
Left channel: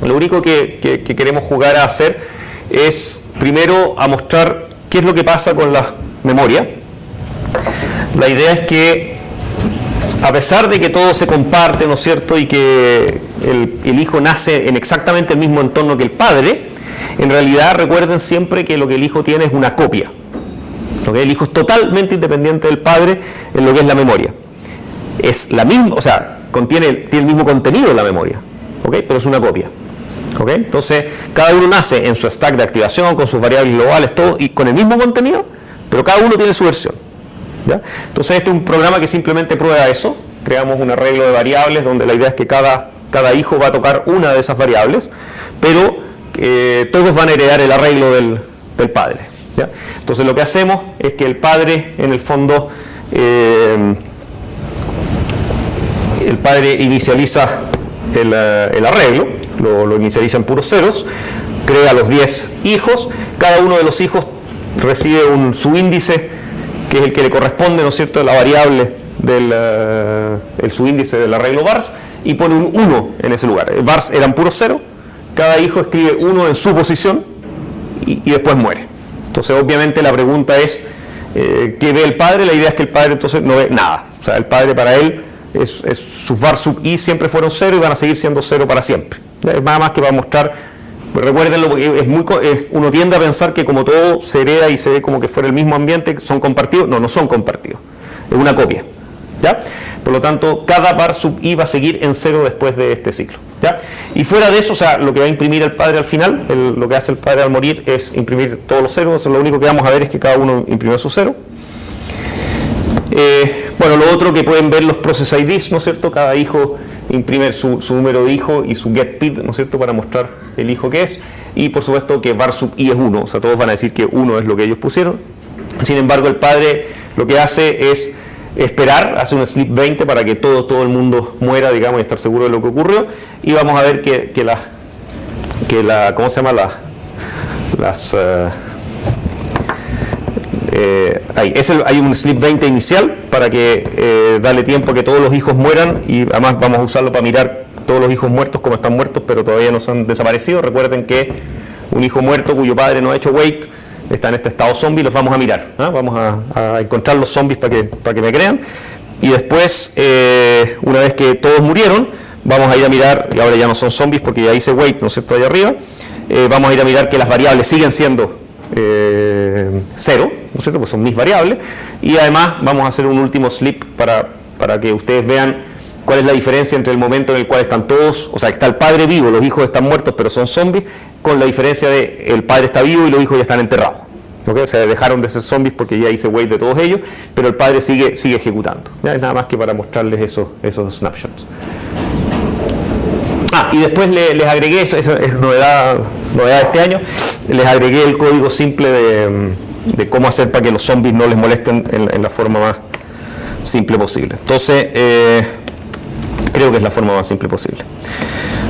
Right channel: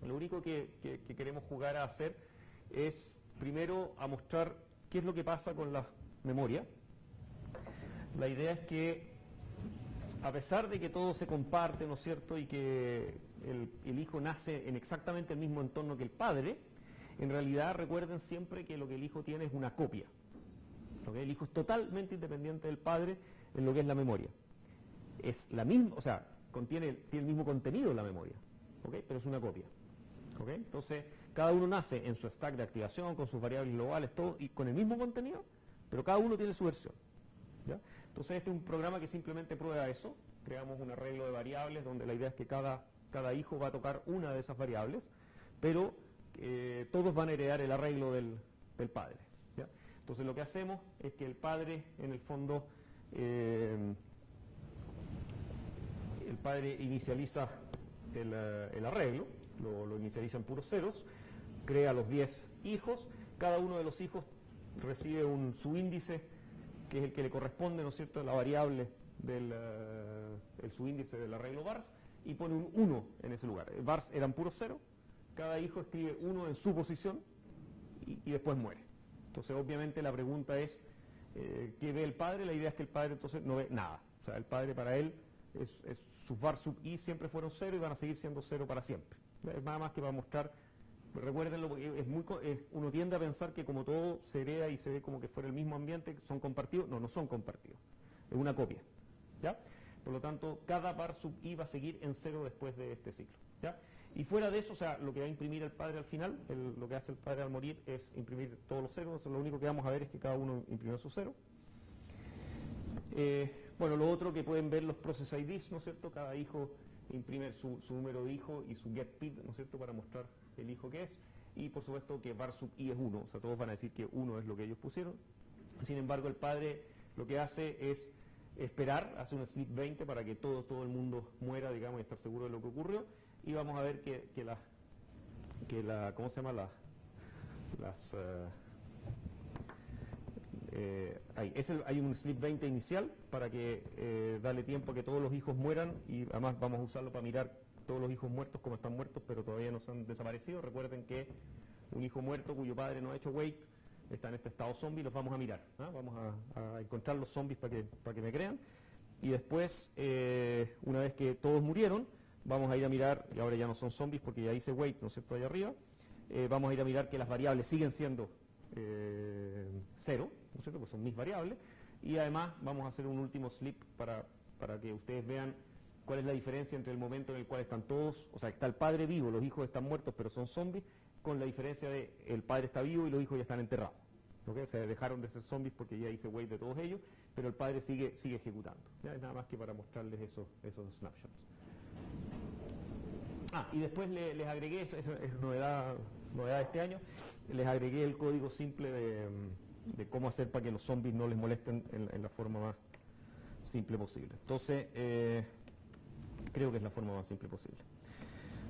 Lo único que queremos jugar a hacer es, primero, a mostrar qué es lo que pasa con la memoria. La idea es que, a pesar de que todo se comparte, ¿no es cierto?, y que el hijo nace en exactamente el mismo entorno que el padre, en realidad recuerden siempre que lo que el hijo tiene es una copia. ¿Okay? El hijo es totalmente independiente del padre en lo que es la memoria. Es la misma, o sea, tiene el mismo contenido en la memoria, ¿okay? Pero es una copia. ¿Okay? Entonces, cada uno nace en su stack de activación, con sus variables globales, todo, y con el mismo contenido, pero cada uno tiene su versión. ¿Ya? Entonces este es un programa que simplemente prueba eso. Creamos un arreglo de variables donde la idea es que cada hijo va a tocar una de esas variables, pero todos van a heredar el arreglo del padre. ¿Ya? Entonces lo que hacemos es que el padre, en el fondo, el padre inicializa el arreglo, lo inicializa en puros ceros, crea los 10 hijos, cada uno de los hijos recibe su índice, que es el que le corresponde, ¿no es cierto?, a la variable el subíndice del arreglo vars, y pone un 1 en ese lugar. Vars eran puros 0, cada hijo escribe 1 en su posición y después muere. Entonces, obviamente, la pregunta es, ¿qué ve el padre? La idea es que el padre entonces no ve nada. O sea, el padre para él, sus var sub i siempre fueron 0 y van a seguir siendo 0 para siempre. Es nada más que para mostrar. Recuérdenlo, porque uno tiende a pensar que como todo se hereda y se ve como que fuera el mismo ambiente, son compartidos. No son compartidos, es una copia, ¿ya? Por lo tanto, cada var sub i va a seguir en 0 después de este ciclo, ¿ya? Y fuera de eso, o sea, lo que va a imprimir el padre al final, lo que hace el padre al morir es imprimir todos los ceros. Entonces, lo único que vamos a ver es que cada uno imprimió su 0. Bueno, lo otro que pueden ver los process IDs, ¿no es cierto? Cada hijo imprime su número de hijo y su getPid, ¿no es cierto?, para mostrar el hijo que es, y por supuesto que var sub i es 1, o sea, todos van a decir que 1 es lo que ellos pusieron. Sin embargo, el padre lo que hace es esperar, hace un sleep 20 para que todo el mundo muera, digamos, y estar seguro de lo que ocurrió, y vamos a ver que ¿cómo se llama? Hay un sleep 20 inicial para que darle tiempo a que todos los hijos mueran, y además vamos a usarlo para mirar todos los hijos muertos como están muertos pero todavía no se han desaparecido. Recuerden que un hijo muerto cuyo padre no ha hecho wait está en este estado zombie, los vamos a mirar, ¿no? Vamos a encontrar los zombies para que me crean, y después una vez que todos murieron vamos a ir a mirar, y ahora ya no son zombies porque ya hice wait, ¿no es cierto?, ahí arriba. Vamos a ir a mirar que las variables siguen siendo 0, ¿no es cierto?, pues son mis variables, y además vamos a hacer un último sleep para que ustedes vean cuál es la diferencia entre el momento en el cual están todos, o sea, está el padre vivo, los hijos están muertos pero son zombies, con la diferencia de el padre está vivo y los hijos ya están enterrados. ¿Okay? O sea, dejaron de ser zombies porque ya hice wait de todos ellos, pero el padre sigue ejecutando. ¿Ya? Es nada más que para mostrarles esos snapshots. Y después les agregué, eso es novedad de este año, les agregué el código simple de cómo hacer para que los zombies no les molesten en la forma más simple posible. Entonces, Creo que es la forma más simple posible.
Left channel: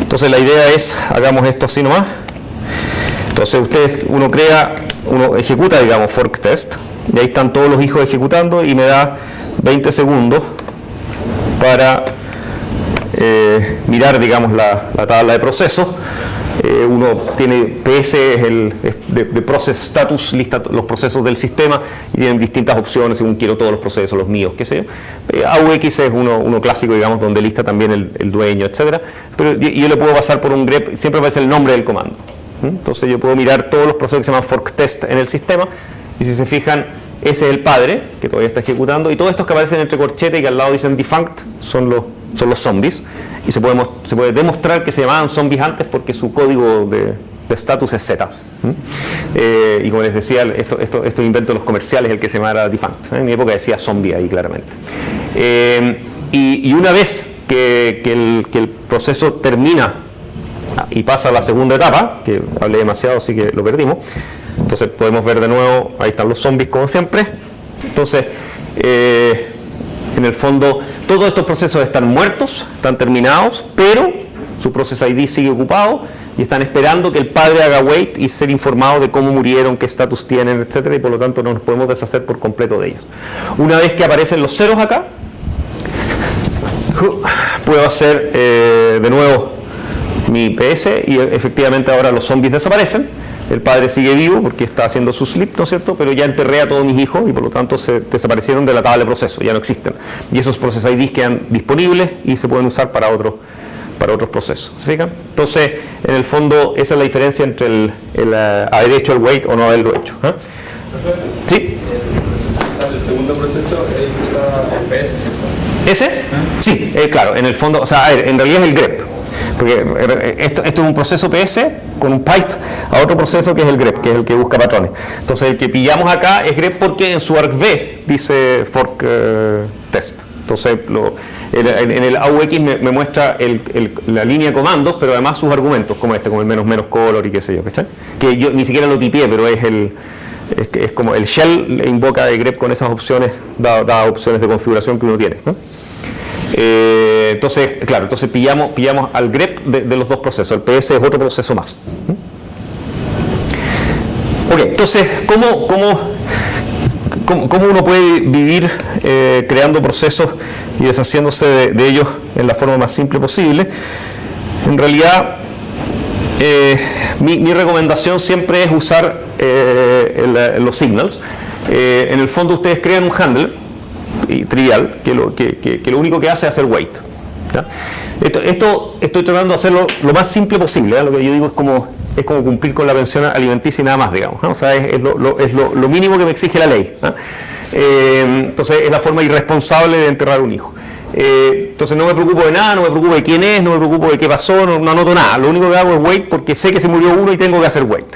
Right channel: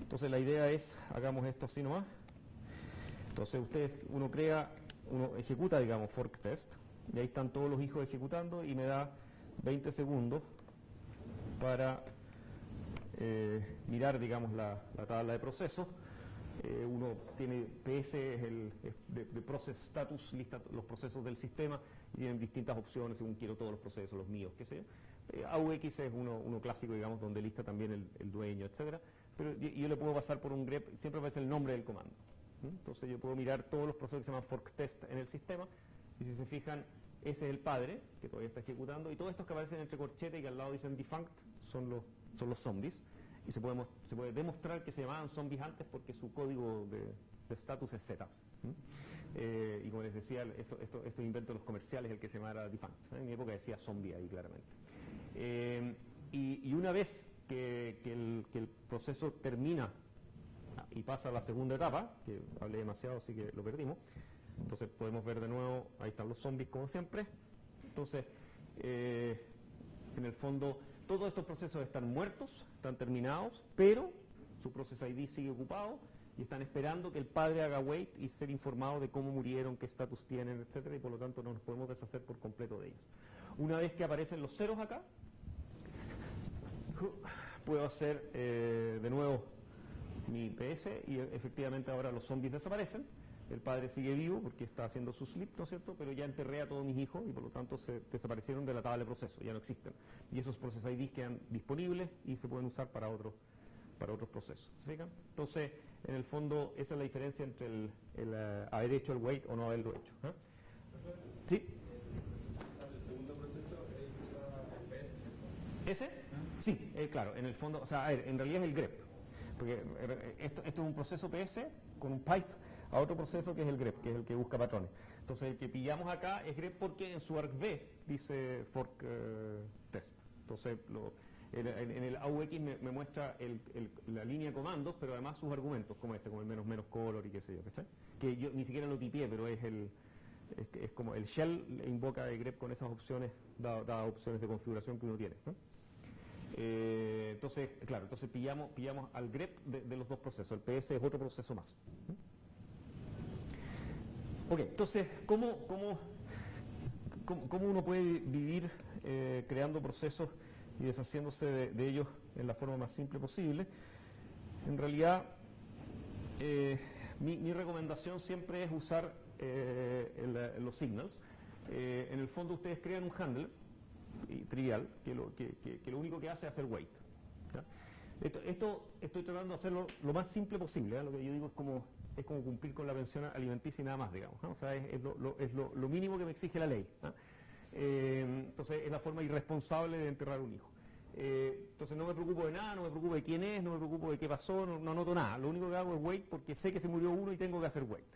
Entonces la idea es, hagamos esto así nomás. Entonces uno ejecuta, digamos, fork test, y ahí están todos los hijos ejecutando y me da 20 segundos para mirar, digamos, la tabla de procesos. Uno tiene PS, de Process Status, lista los procesos del sistema y tienen distintas opciones según quiero todos los procesos, los míos, qué sé yo. AUX es uno clásico, digamos, donde lista también el dueño, etcétera. Pero yo le puedo pasar por un grep, siempre aparece el nombre del comando. Entonces yo puedo mirar todos los procesos que se llaman fork test en el sistema y si se fijan, ese es el padre que todavía está ejecutando y todos estos que aparecen entre corchetes y que al lado dicen defunct son los zombies y se puede demostrar que se llamaban zombies antes porque su código de status es Z. Y como les decía, estos inventos los comerciales, el que se llamara defunct. En mi época decía zombie ahí claramente. Y una vez que el proceso termina y pasa a la segunda etapa, que hablé demasiado así que lo perdimos, entonces podemos ver de nuevo, ahí están los zombies como siempre. Entonces, en el fondo, todos estos procesos están muertos, están terminados, pero su process ID sigue ocupado y están esperando que el padre haga wait y ser informado de cómo murieron, qué estatus tienen, etcétera, y por lo tanto no nos podemos deshacer por completo de ellos. Una vez que aparecen los ceros acá, puedo hacer de nuevo mi PS y efectivamente ahora los zombies desaparecen. El padre sigue vivo porque está haciendo su sleep, ¿no es cierto? Pero ya enterré a todos mis hijos y por lo tanto se desaparecieron de la tabla de proceso, ya no existen. Y esos process IDs quedan disponibles y se pueden usar para otros procesos. ¿Se fijan? Entonces, en el fondo, esa es la diferencia entre el haber hecho el wait o no haberlo hecho. ¿Eh? ¿Sí? El segundo proceso es el PS, ¿cierto? ¿Ese? Sí, claro, en el fondo, o sea, a ver, en realidad es el grep. Porque esto es un proceso PS con un pipe a otro proceso que es el grep, que es el que busca patrones. Entonces el que pillamos acá es grep porque en su argv dice fork test. Entonces en el AUX me muestra la línea de comandos, pero además sus argumentos, como como el menos color y qué sé yo, ¿cachai? Que yo ni siquiera lo tipié, pero es como el shell le invoca de grep con esas opciones, dadas opciones de configuración que uno tiene, ¿no? Entonces, claro, pillamos al grep de los dos procesos. El PS es otro proceso más. Ok, entonces, ¿cómo uno puede vivir creando procesos y deshaciéndose de ellos en la forma más simple posible? En realidad, mi recomendación siempre es usar los signals. En el fondo, ustedes crean un handler trivial, que lo único que hace es hacer wait. ¿Ya? Esto estoy tratando de hacerlo lo más simple posible, ¿ya? Lo que yo digo es como cumplir con la pensión alimenticia y nada más, digamos, ¿no? O sea, es lo mínimo que me exige la ley, ¿ya? Entonces es la forma irresponsable de enterrar un hijo. Entonces no me preocupo de nada, no me preocupo de quién es, no me preocupo de qué pasó, no anoto nada. Lo único que hago es wait porque sé que se murió uno y tengo que hacer wait.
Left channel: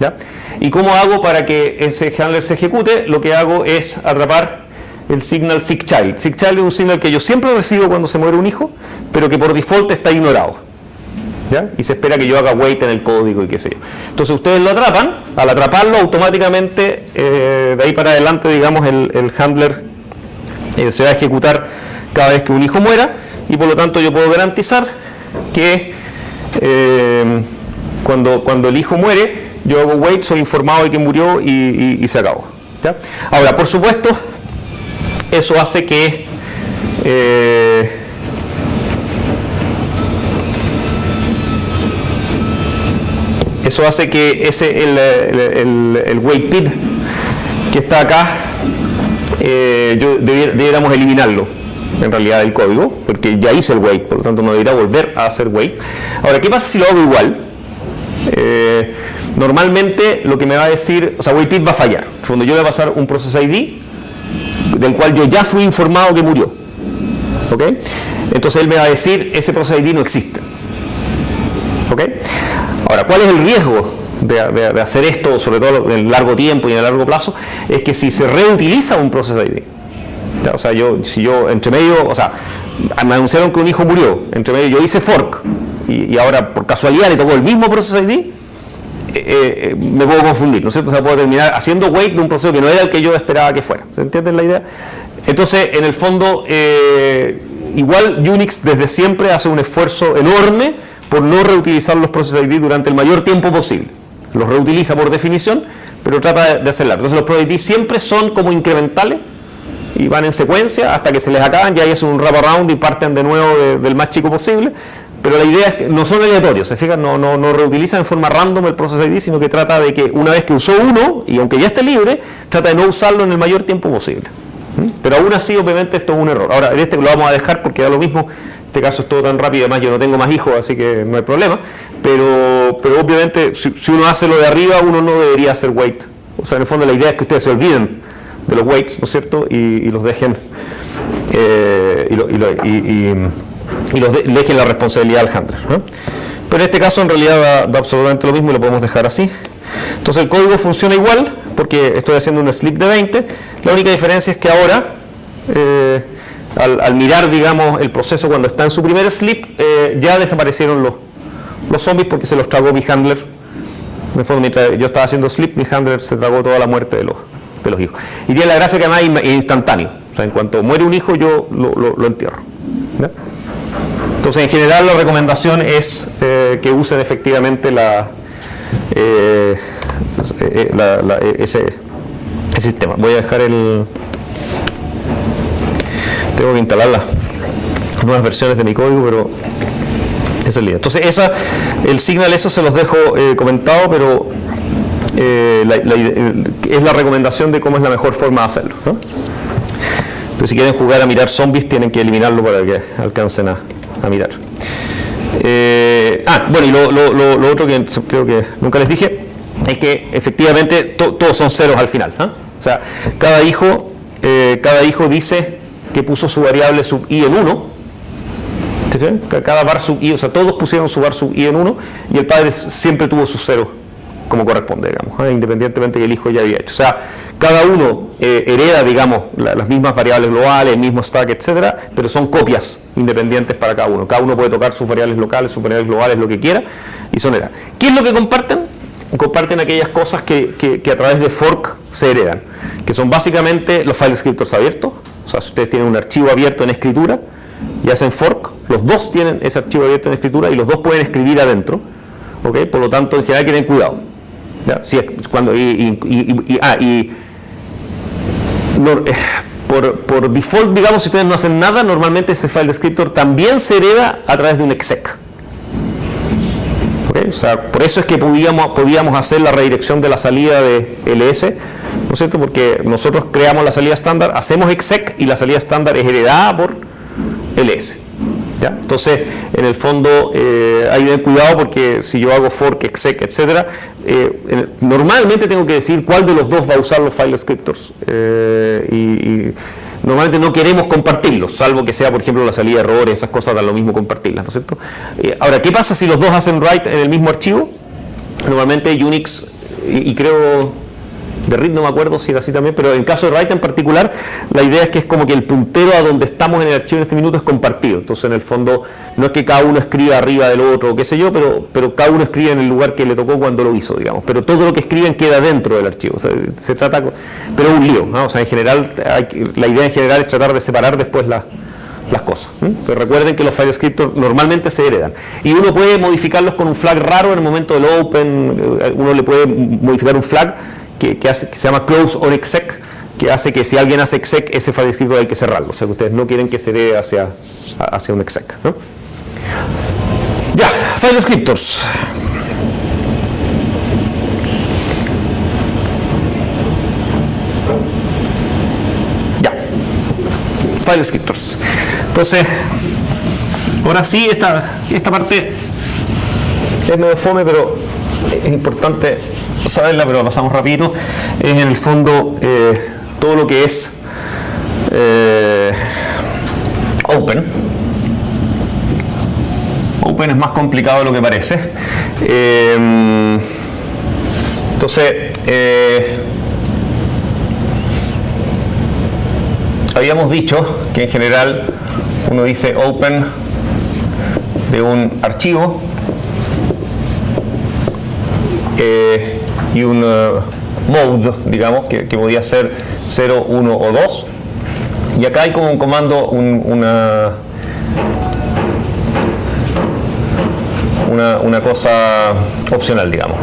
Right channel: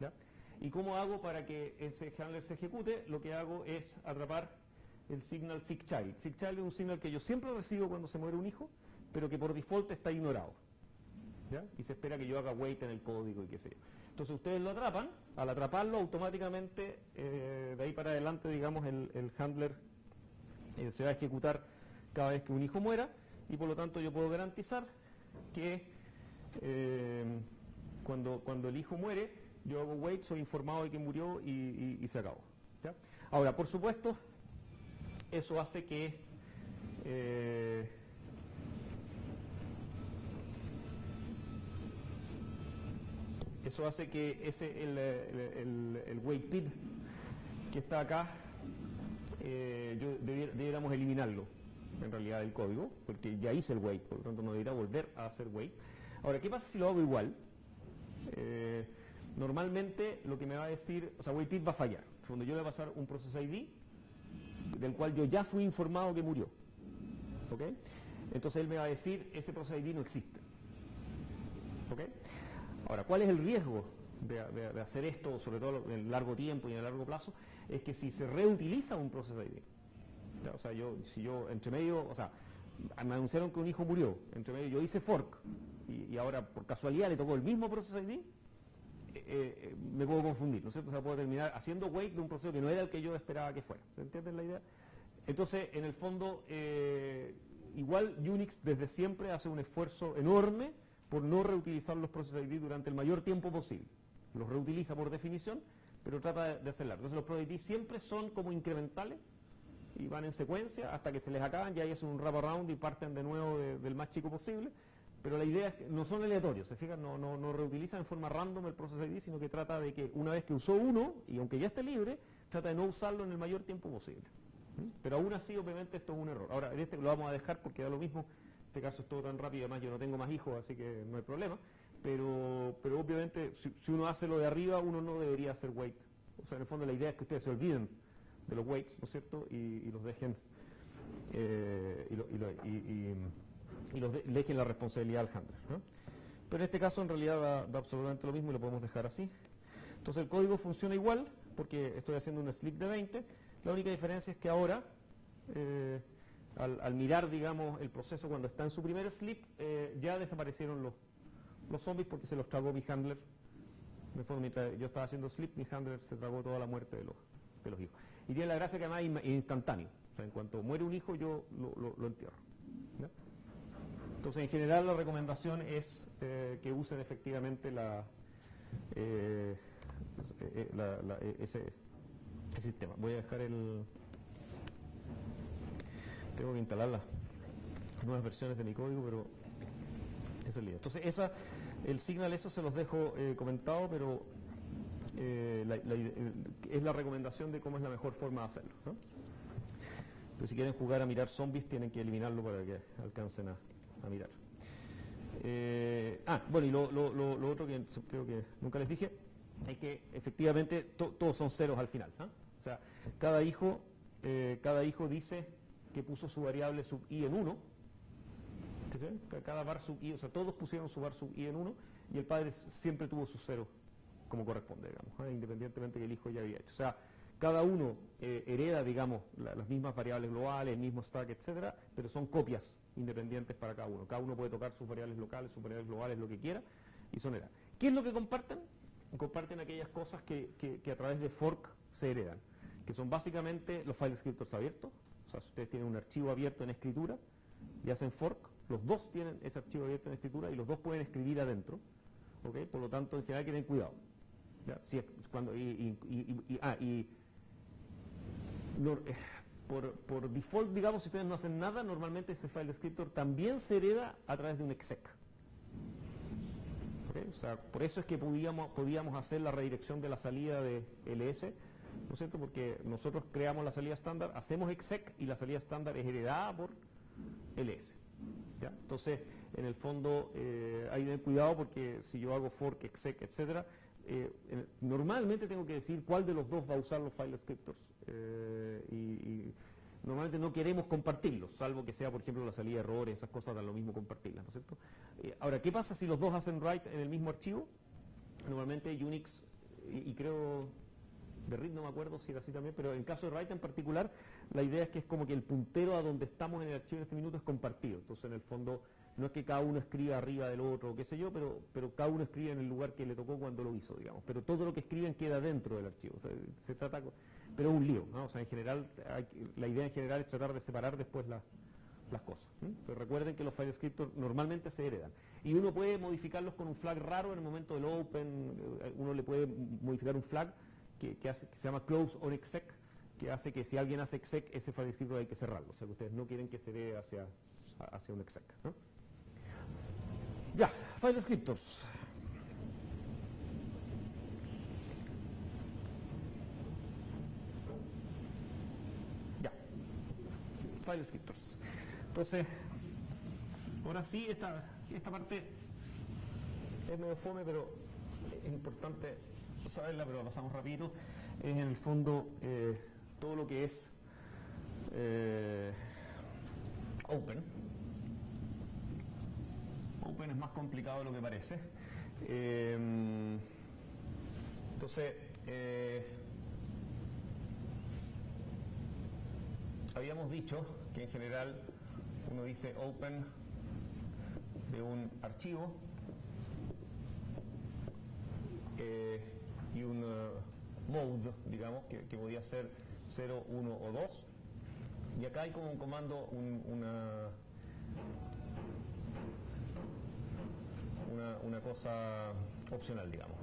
¿Ya? ¿Y cómo hago para que ese handler se ejecute? Lo que hago es atrapar el signal SIGCHILD. SIGCHILD es un signal que yo siempre recibo cuando se muere un hijo, pero que por default está ignorado. ¿Ya? Y se espera que yo haga wait en el código y qué sé yo. Entonces ustedes lo atrapan, al atraparlo automáticamente de ahí para adelante, digamos, el handler se va a ejecutar cada vez que un hijo muera y por lo tanto yo puedo garantizar que cuando el hijo muere yo hago wait, soy informado de que murió y se acabó. ¿Ya? Ahora, por supuesto, eso hace que el wait PID que está acá debiéramos eliminarlo en realidad del código, porque ya hice el wait, por lo tanto no debería volver a hacer wait. Ahora, ¿qué pasa si lo hago igual? Normalmente lo que me va a decir, o sea, wait PID va a fallar. Cuando yo le voy a pasar un process ID del cual yo ya fui informado que murió. ¿Ok? Entonces él me va a decir, ese process ID no existe. ¿Ok? Ahora, ¿cuál es el riesgo de hacer esto, sobre todo en el largo tiempo y en el largo plazo? Es que si se reutiliza un process ID, ¿ya? O sea, si yo entre medio, o sea, me anunciaron que un hijo murió, entre medio yo hice fork y ahora por casualidad le tocó el mismo process ID, me puedo confundir, ¿no es cierto? O sea, puedo terminar haciendo wait de un proceso que no era el que yo esperaba que fuera. ¿Se entiende la idea? Entonces, en el fondo, igual Unix desde siempre hace un esfuerzo enorme por no reutilizar los Process ID durante el mayor tiempo posible. Los reutiliza por definición, pero trata de hacerlo. Entonces los Process ID siempre son como incrementales y van en secuencia hasta que se les acaban, ya hacen un wraparound y parten de nuevo del más chico posible. Pero la idea es que no son aleatorios, se fijan, no reutilizan en forma random el Process ID, sino que trata de que una vez que usó uno, y aunque ya esté libre, trata de no usarlo en el mayor tiempo posible. Pero aún así, obviamente, esto es un error. Ahora, en este lo vamos a dejar porque da lo mismo. En este caso es todo tan rápido, además yo no tengo más hijos, así que no hay problema. Pero obviamente, si uno hace lo de arriba, uno no debería hacer wait. O sea, en el fondo la idea es que ustedes se olviden de los waits, ¿no es cierto? Y los dejen dejen la responsabilidad al handler, ¿no? Pero en este caso en realidad da absolutamente lo mismo y lo podemos dejar así. Entonces el código funciona igual porque estoy haciendo un sleep de 20. La única diferencia es que ahora al mirar, digamos, el proceso cuando está en su primer sleep, ya desaparecieron los zombies porque se los tragó mi handler. En el fondo, mientras yo estaba haciendo sleep, mi handler se tragó toda la muerte de los hijos. Y tiene la gracia que además es instantáneo. O sea, en cuanto muere un hijo, yo lo entierro, ¿ya? Entonces, en general, la recomendación es que usen efectivamente ese sistema. Voy a dejar tengo que instalar las nuevas versiones de mi código, pero esa es la idea. Entonces, el signal, eso se los dejo comentado, pero es la recomendación de cómo es la mejor forma de hacerlo, ¿no? Pero si quieren jugar a mirar zombies, tienen que eliminarlo para que alcancen a mirar. Bueno, y lo otro que creo que nunca les dije es que efectivamente todos son ceros al final, ¿eh? O sea, cada hijo dice que puso su variable sub i en 1. ¿Sí? Cada var sub i, o sea, todos pusieron su var sub i en 1 y el padre siempre tuvo su cero como corresponde, digamos, independientemente que el hijo ya había hecho. O sea, cada uno hereda, digamos, las mismas variables globales, el mismo stack, etcétera, pero son copias independientes para cada uno. Cada uno puede tocar sus variables locales, sus variables globales, lo que quiera, y son hereda. ¿Qué es lo que comparten? Comparten aquellas cosas que a través de fork se heredan, que son básicamente los file descriptors abiertos. O sea, si ustedes tienen un archivo abierto en escritura y hacen fork, los dos tienen ese archivo abierto en escritura y los dos pueden escribir adentro, ¿okay? Por lo tanto, en general, que tengan cuidado. ¿Ya? Si es cuando, por default, digamos, si ustedes no hacen nada, normalmente ese file descriptor también se hereda a través de un exec. ¿Okay? O sea, por eso es que podíamos hacer la redirección de la salida de ls, ¿no es cierto? Porque nosotros creamos la salida estándar, hacemos exec y la salida estándar es heredada por ls. ¿Ya? Entonces, en el fondo, hay que tener cuidado porque si yo hago fork, exec, etcétera, normalmente tengo que decir cuál de los dos va a usar los file descriptors. Y normalmente no queremos compartirlos, salvo que sea, por ejemplo, la salida de errores, esas cosas dan lo mismo compartirlas, ¿no es cierto? Ahora, ¿qué pasa si los dos hacen write en el mismo archivo? Normalmente Unix, y creo... de RIT no me acuerdo si era así también, pero en el caso de write en particular, la idea es que es como que el puntero a donde estamos en el archivo en este minuto es compartido. Entonces, en el fondo, no es que cada uno escriba arriba del otro, qué sé yo, pero cada uno escribe en el lugar que le tocó cuando lo hizo, digamos. Pero todo lo que escriben queda dentro del archivo. O sea, se trata, pero es un lío, ¿no? O sea, en general, la idea en general es tratar de separar después las cosas. Pero recuerden que los file descriptors normalmente se heredan. Y uno puede modificarlos con un flag raro en el momento del open, uno le puede modificar un flag que se llama close on exec, que hace que si alguien hace exec, ese file descriptor hay que cerrarlo. O sea que ustedes no quieren que se herede hacia un exec, ¿no? Ya, file descriptors. Ya, file descriptors. Entonces, ahora sí, esta parte es medio fome, pero es importante saberla, pero pasamos rapidito. Es en el fondo todo lo que es Open. Open es más complicado de lo que parece. Entonces, habíamos dicho que en general uno dice Open de un archivo y un mode, digamos, que podía ser 0, 1 o 2. Y acá hay como un comando, una cosa opcional, digamos.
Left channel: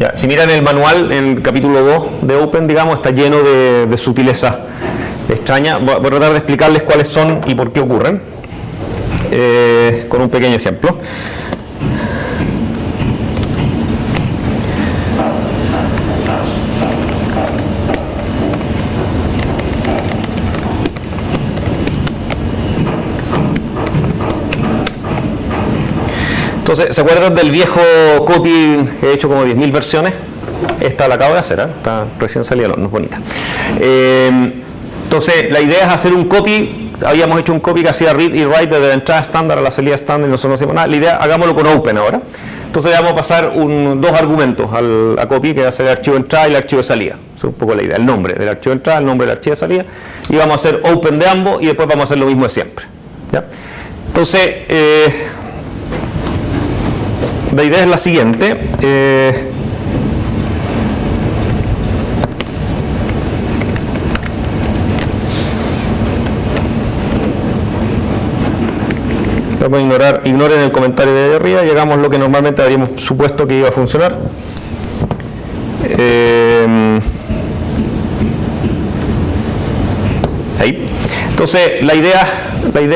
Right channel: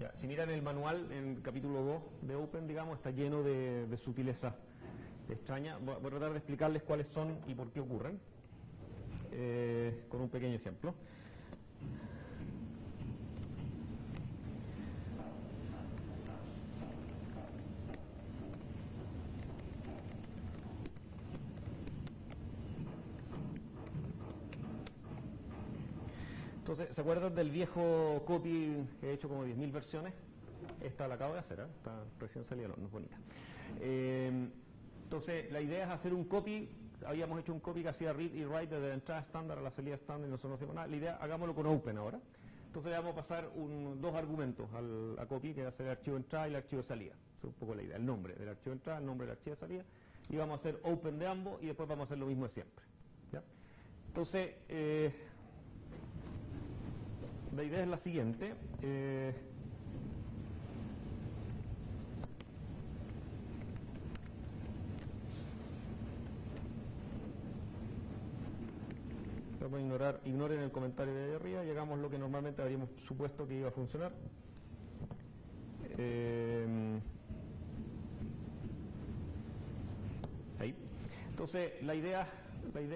Ya, si miran el manual en el capítulo 2 de Open, digamos, está lleno de sutileza extraña. Voy a tratar de explicarles cuáles son y por qué ocurren, con un pequeño ejemplo. Entonces, ¿se acuerdan del viejo copy que he hecho como 10.000 versiones? Esta la acabo de hacer, está recién salida al horno, es bonita. Entonces, la idea es hacer un copy. Habíamos hecho un copy que hacía read y write desde la entrada estándar a la salida estándar y nosotros no hacemos nada. La idea, hagámoslo con Open ahora. Entonces, vamos a pasar dos argumentos a copy, que va a ser el archivo de entrada y el archivo de salida. Esa es un poco la idea, el nombre del archivo de entrada, el nombre del archivo de salida. Y vamos a hacer Open de ambos y después vamos a hacer lo mismo de siempre. ¿Ya? Entonces, la idea es la siguiente. Vamos a ignoren el comentario de arriba y hagamos lo que normalmente habríamos supuesto que iba a funcionar. Ahí. Entonces, la idea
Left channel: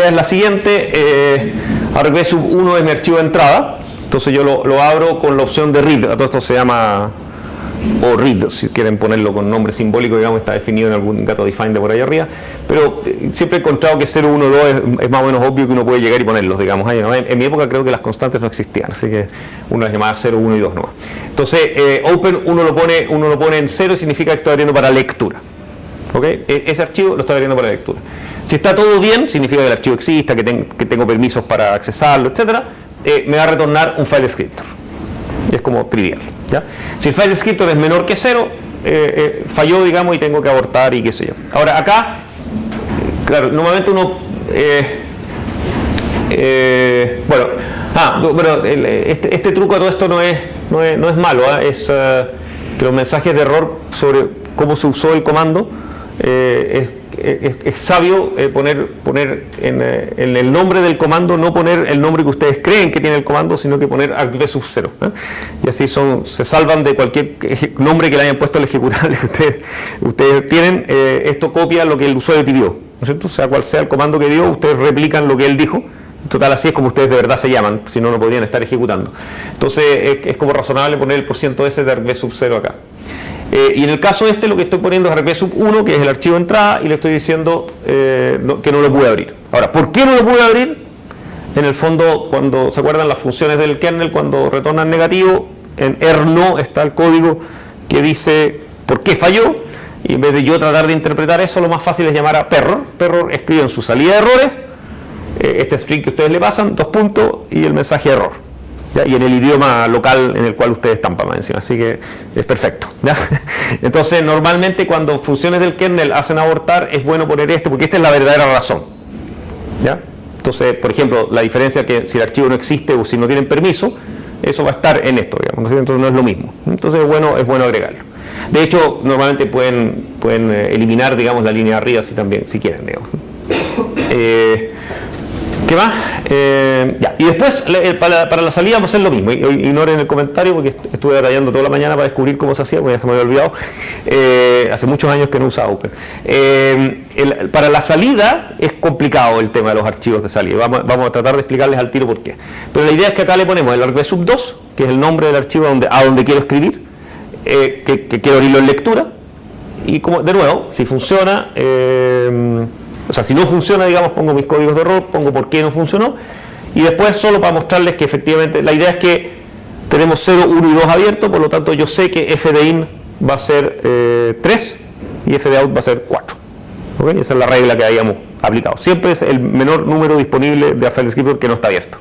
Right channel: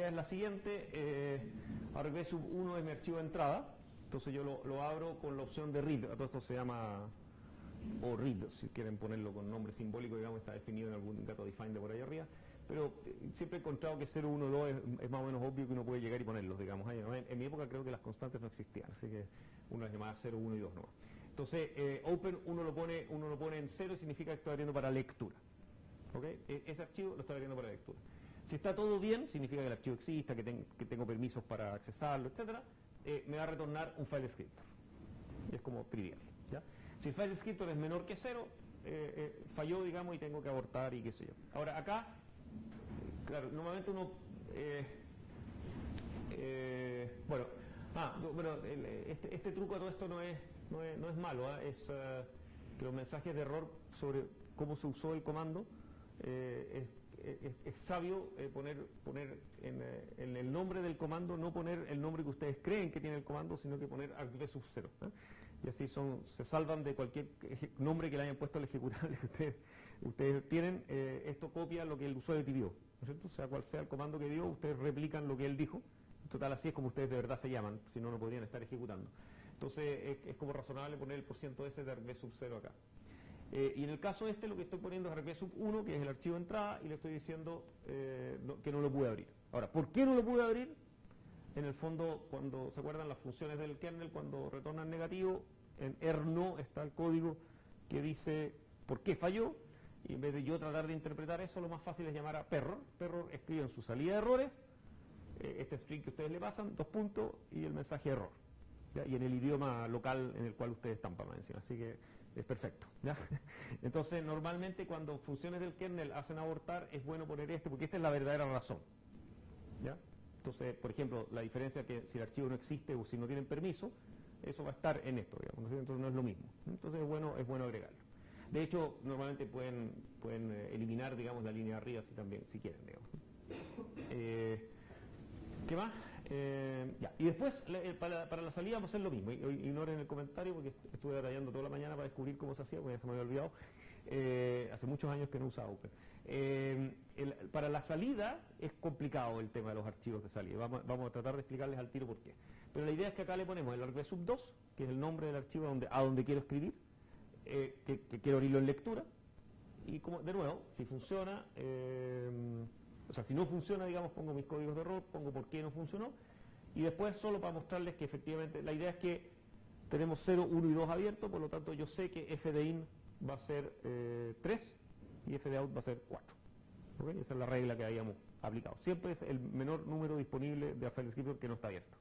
es la siguiente. argv_1 es mi archivo de entrada. Entonces yo lo abro con la opción de read. Todo esto se llama, o read, si quieren ponerlo con nombre simbólico, digamos, está definido en algún gato define de por ahí arriba. Pero siempre he encontrado que 0, 1, 2 es más o menos obvio que uno puede llegar y ponerlos, digamos. En mi época creo que las constantes no existían, así que uno las llamaba 0, 1 y 2 nomás. Entonces, open uno lo pone en 0 y significa que estoy abriendo para lectura. ¿Okay? Ese archivo lo estoy abriendo para lectura. Si está todo bien, significa que el archivo exista, que tengo permisos para accesarlo, etcétera. Me va a retornar un file descriptor. Es como trivial, ¿ya? Si el file descriptor es menor que 0, falló, digamos, y tengo que abortar y qué sé yo. Ahora, acá, claro, normalmente uno... este truco de todo esto no es malo, ¿eh? Es que los mensajes de error sobre cómo se usó el comando, es sabio poner en el nombre del comando, no poner el nombre que ustedes creen que tiene el comando, sino que poner argv_0, ¿eh? Y así se salvan de cualquier nombre que le hayan puesto al ejecutable que ustedes tienen. Esto copia lo que el usuario pidió, ¿no es cierto? Sea cual sea el comando que dio, ustedes replican lo que él dijo. Total, así es como ustedes de verdad se llaman, si no, no podrían estar ejecutando. Entonces es como razonable poner el %s de argv_0 acá. Y en el caso este lo que estoy poniendo es argv_1, que es el archivo de entrada, y le estoy diciendo que no lo pude abrir. Ahora, ¿por qué no lo pude abrir? En el fondo, cuando se acuerdan las funciones del kernel, cuando retornan negativo, en erno está el código que dice por qué falló, y en vez de yo tratar de interpretar eso, lo más fácil es llamar a perror. Perror escribe en su salida de errores este string que ustedes le pasan, 2 puntos, y el mensaje error. ¿Ya? Y en el idioma local en el cual ustedes estampan más encima, así que es perfecto, ¿ya? Entonces, normalmente cuando funciones del kernel hacen abortar, es bueno poner esto, porque esta es la verdadera razón, ¿ya? Entonces, por ejemplo, la diferencia es que si el archivo no existe o si no tienen permiso, eso va a estar en esto, digamos, entonces no es lo mismo. Entonces es bueno agregarlo. De hecho, normalmente pueden eliminar, digamos, la línea de arriba si quieren, digamos. ¿Qué más? Ya. Y después, para la salida vamos a hacer lo mismo. Ignoren el comentario porque estuve detallando toda la mañana para descubrir cómo se hacía, porque ya se me había olvidado. Hace muchos años que no usaba Open. Para la salida es complicado el tema de los archivos de salida. Vamos a tratar de explicarles al tiro por qué. Pero la idea es que acá le ponemos el argv_2, que es el nombre del archivo a donde quiero escribir, que quiero abrirlo en lectura. Y como, de nuevo, si funciona... o sea, si no funciona, digamos, pongo mis códigos de error, pongo por qué no funcionó, y después solo para mostrarles que efectivamente la idea es que tenemos 0, 1 y 2 abiertos, por lo tanto yo sé que f de in va a ser 3 y f de out va a ser 4. ¿Okay? Esa es la regla que habíamos aplicado. Siempre es el menor número disponible de file descriptor que no está abierto,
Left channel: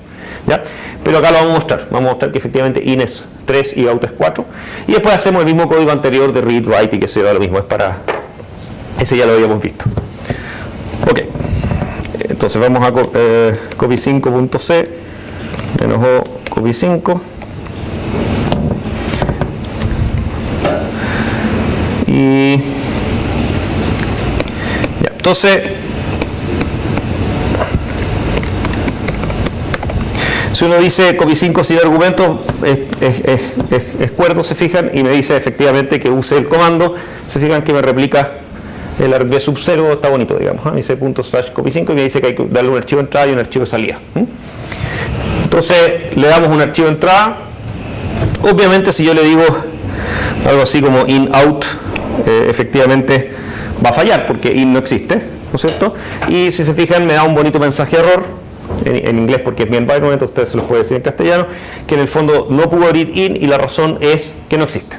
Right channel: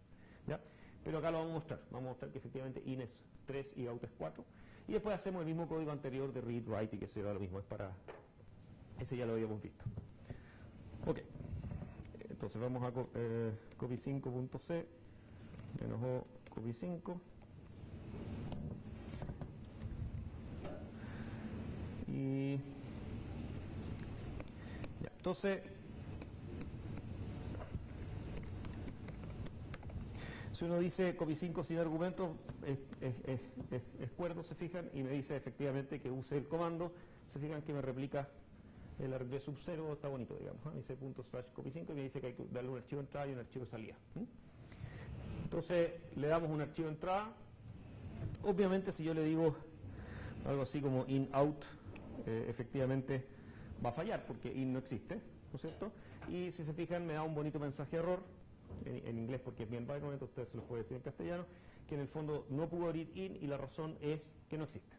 ¿ya? Pero acá lo vamos a mostrar que efectivamente in es 3 y out es 4, y después hacemos el mismo código anterior de read, write y que se da lo mismo, es para... ese ya lo habíamos visto. Ok, entonces vamos a copy5.c -o copy5 y Entonces, si uno dice copy 5 sin argumentos, es cuerdo, se fijan, y me dice efectivamente que use el comando, se fijan que me replica el arg sub 0, está bonito, digamos, me dice ./copy5 y me dice que hay que darle un archivo de entrada y un archivo de salida. Entonces le damos un archivo de entrada. Obviamente si yo le digo algo así como in-out, efectivamente va a fallar porque in no existe, ¿no es cierto? Y si se fijan me da un bonito mensaje de error, en inglés porque es mi environment, ustedes se los pueden decir en castellano, que en el fondo no pudo abrir in y la razón es que no existe.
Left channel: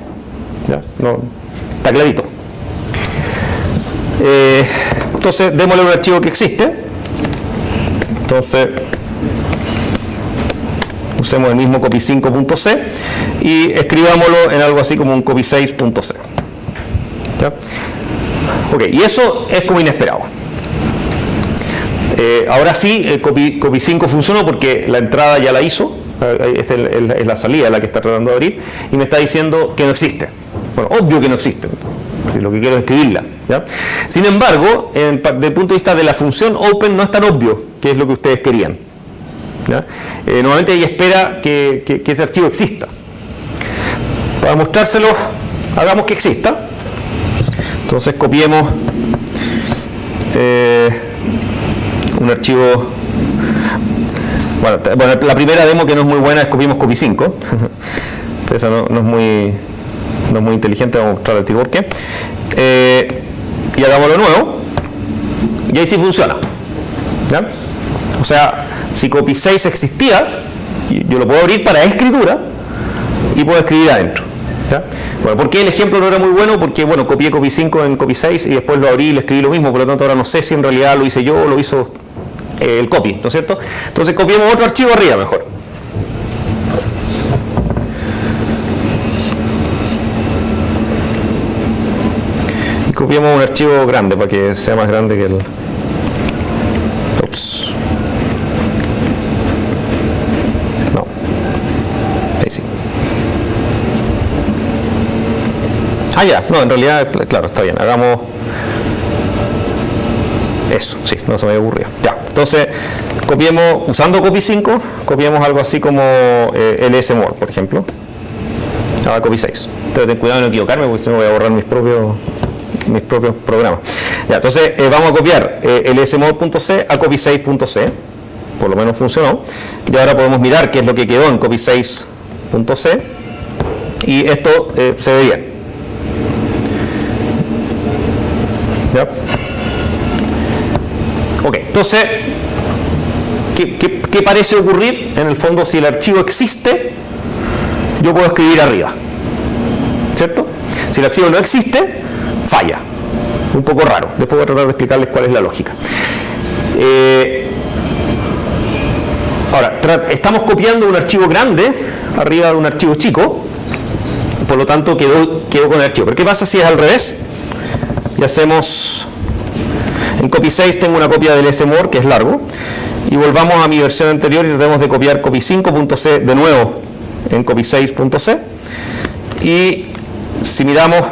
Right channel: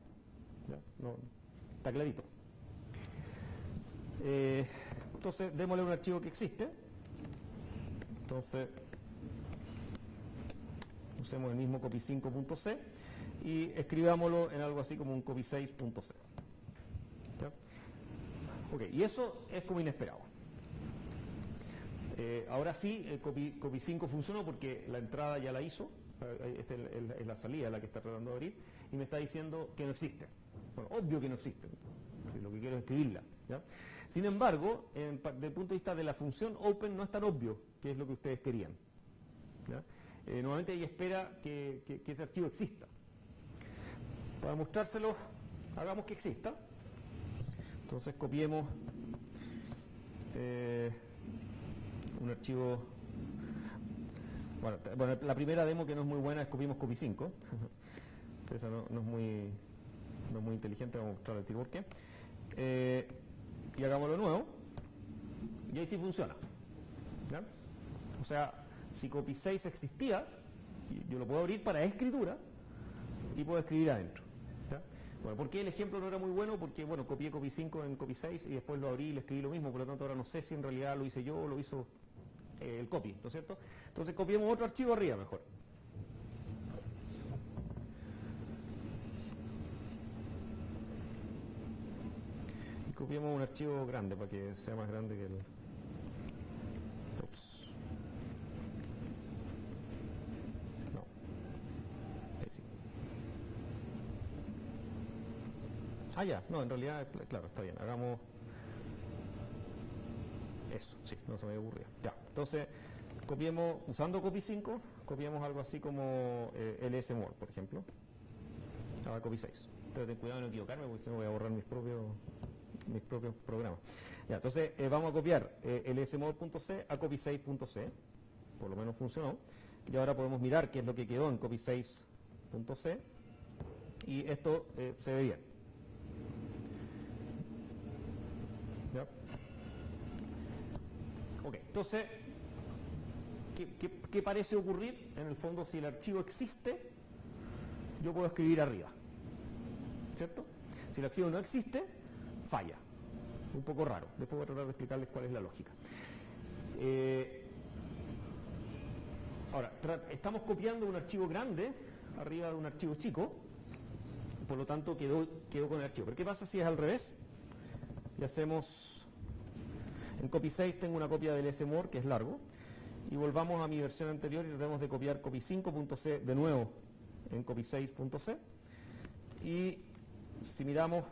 ¿Ya? No, está clarito. Entonces démosle un archivo que existe. Entonces usemos el mismo copy5.c y escribámoslo en algo así como un copy6.c. ¿Ya? Ok, y eso es como inesperado. Ahora sí, el copy5 funcionó porque la entrada ya la hizo. Esta es la salida la que está tratando de abrir y me está diciendo que no existe. Bueno, obvio que no existe. Lo que quiero es escribirla, ¿ya? Sin embargo, desde el punto de vista de la función open no es tan obvio que es lo que ustedes querían, ¿ya? Normalmente ella espera que ese archivo exista. Para mostrárselo, hagamos que exista. Entonces copiemos un archivo. Bueno, la primera demo que no es muy buena es copiemos copy5. Esa no es muy inteligente, vamos a mostrar el tiro por qué. Y hagámoslo nuevo. Y ahí sí funciona, ¿ya? O sea, si copy6 existía, yo lo puedo abrir para escritura y puedo escribir adentro, ¿ya? Bueno, ¿por qué el ejemplo no era muy bueno? Porque, bueno, copié copy5 en copy6 y después lo abrí y le escribí lo mismo, por lo tanto ahora no sé si en realidad lo hice yo o lo hizo el copy, ¿no es cierto? Entonces copiemos otro archivo arriba mejor. Copiamos un archivo grande para que sea más grande que el... Ups. No. Ahí sí. Ah, ya. No, en realidad, claro, está bien. Hagamos... Eso, sí, no se me había ocurrido. Ya. Entonces, copiemos, usando copy5, copiemos algo así como lsmore, por ejemplo. A copy6. Pero ten cuidado de no equivocarme porque si no voy a borrar mis propios programas. Ya, entonces vamos a copiar lsmode.c a copy6.c, por lo menos funcionó, y ahora podemos mirar qué es lo que quedó en copy6.c y esto se ve bien. ¿Ya? Ok, entonces ¿qué parece ocurrir? En el fondo, si el archivo existe, yo puedo escribir arriba, ¿cierto? Si el archivo no existe, falla. Un poco raro. Después voy a tratar de explicarles cuál es la lógica. Ahora, estamos copiando un archivo grande arriba de un archivo chico, por lo tanto quedó con el archivo. Pero ¿qué pasa si es al revés? Y hacemos... En copy6 tengo una copia del smore que es largo, y volvamos a mi versión anterior y tratemos de copiar copy5.c de nuevo en copy6.c, y si miramos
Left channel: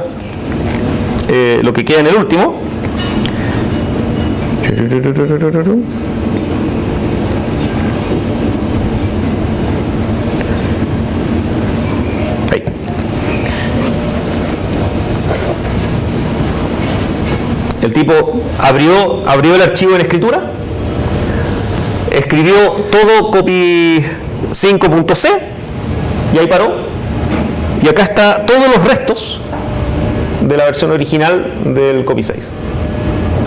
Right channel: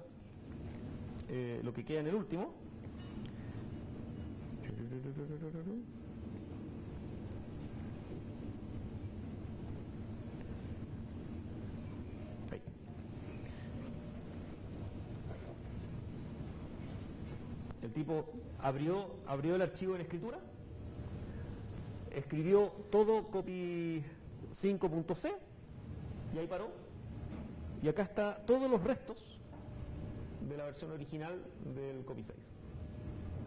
lo que queda en el último, ahí. El tipo abrió el archivo en escritura, escribió todo copy5.c y ahí paró, y acá está todos los restos de la versión original del copy6.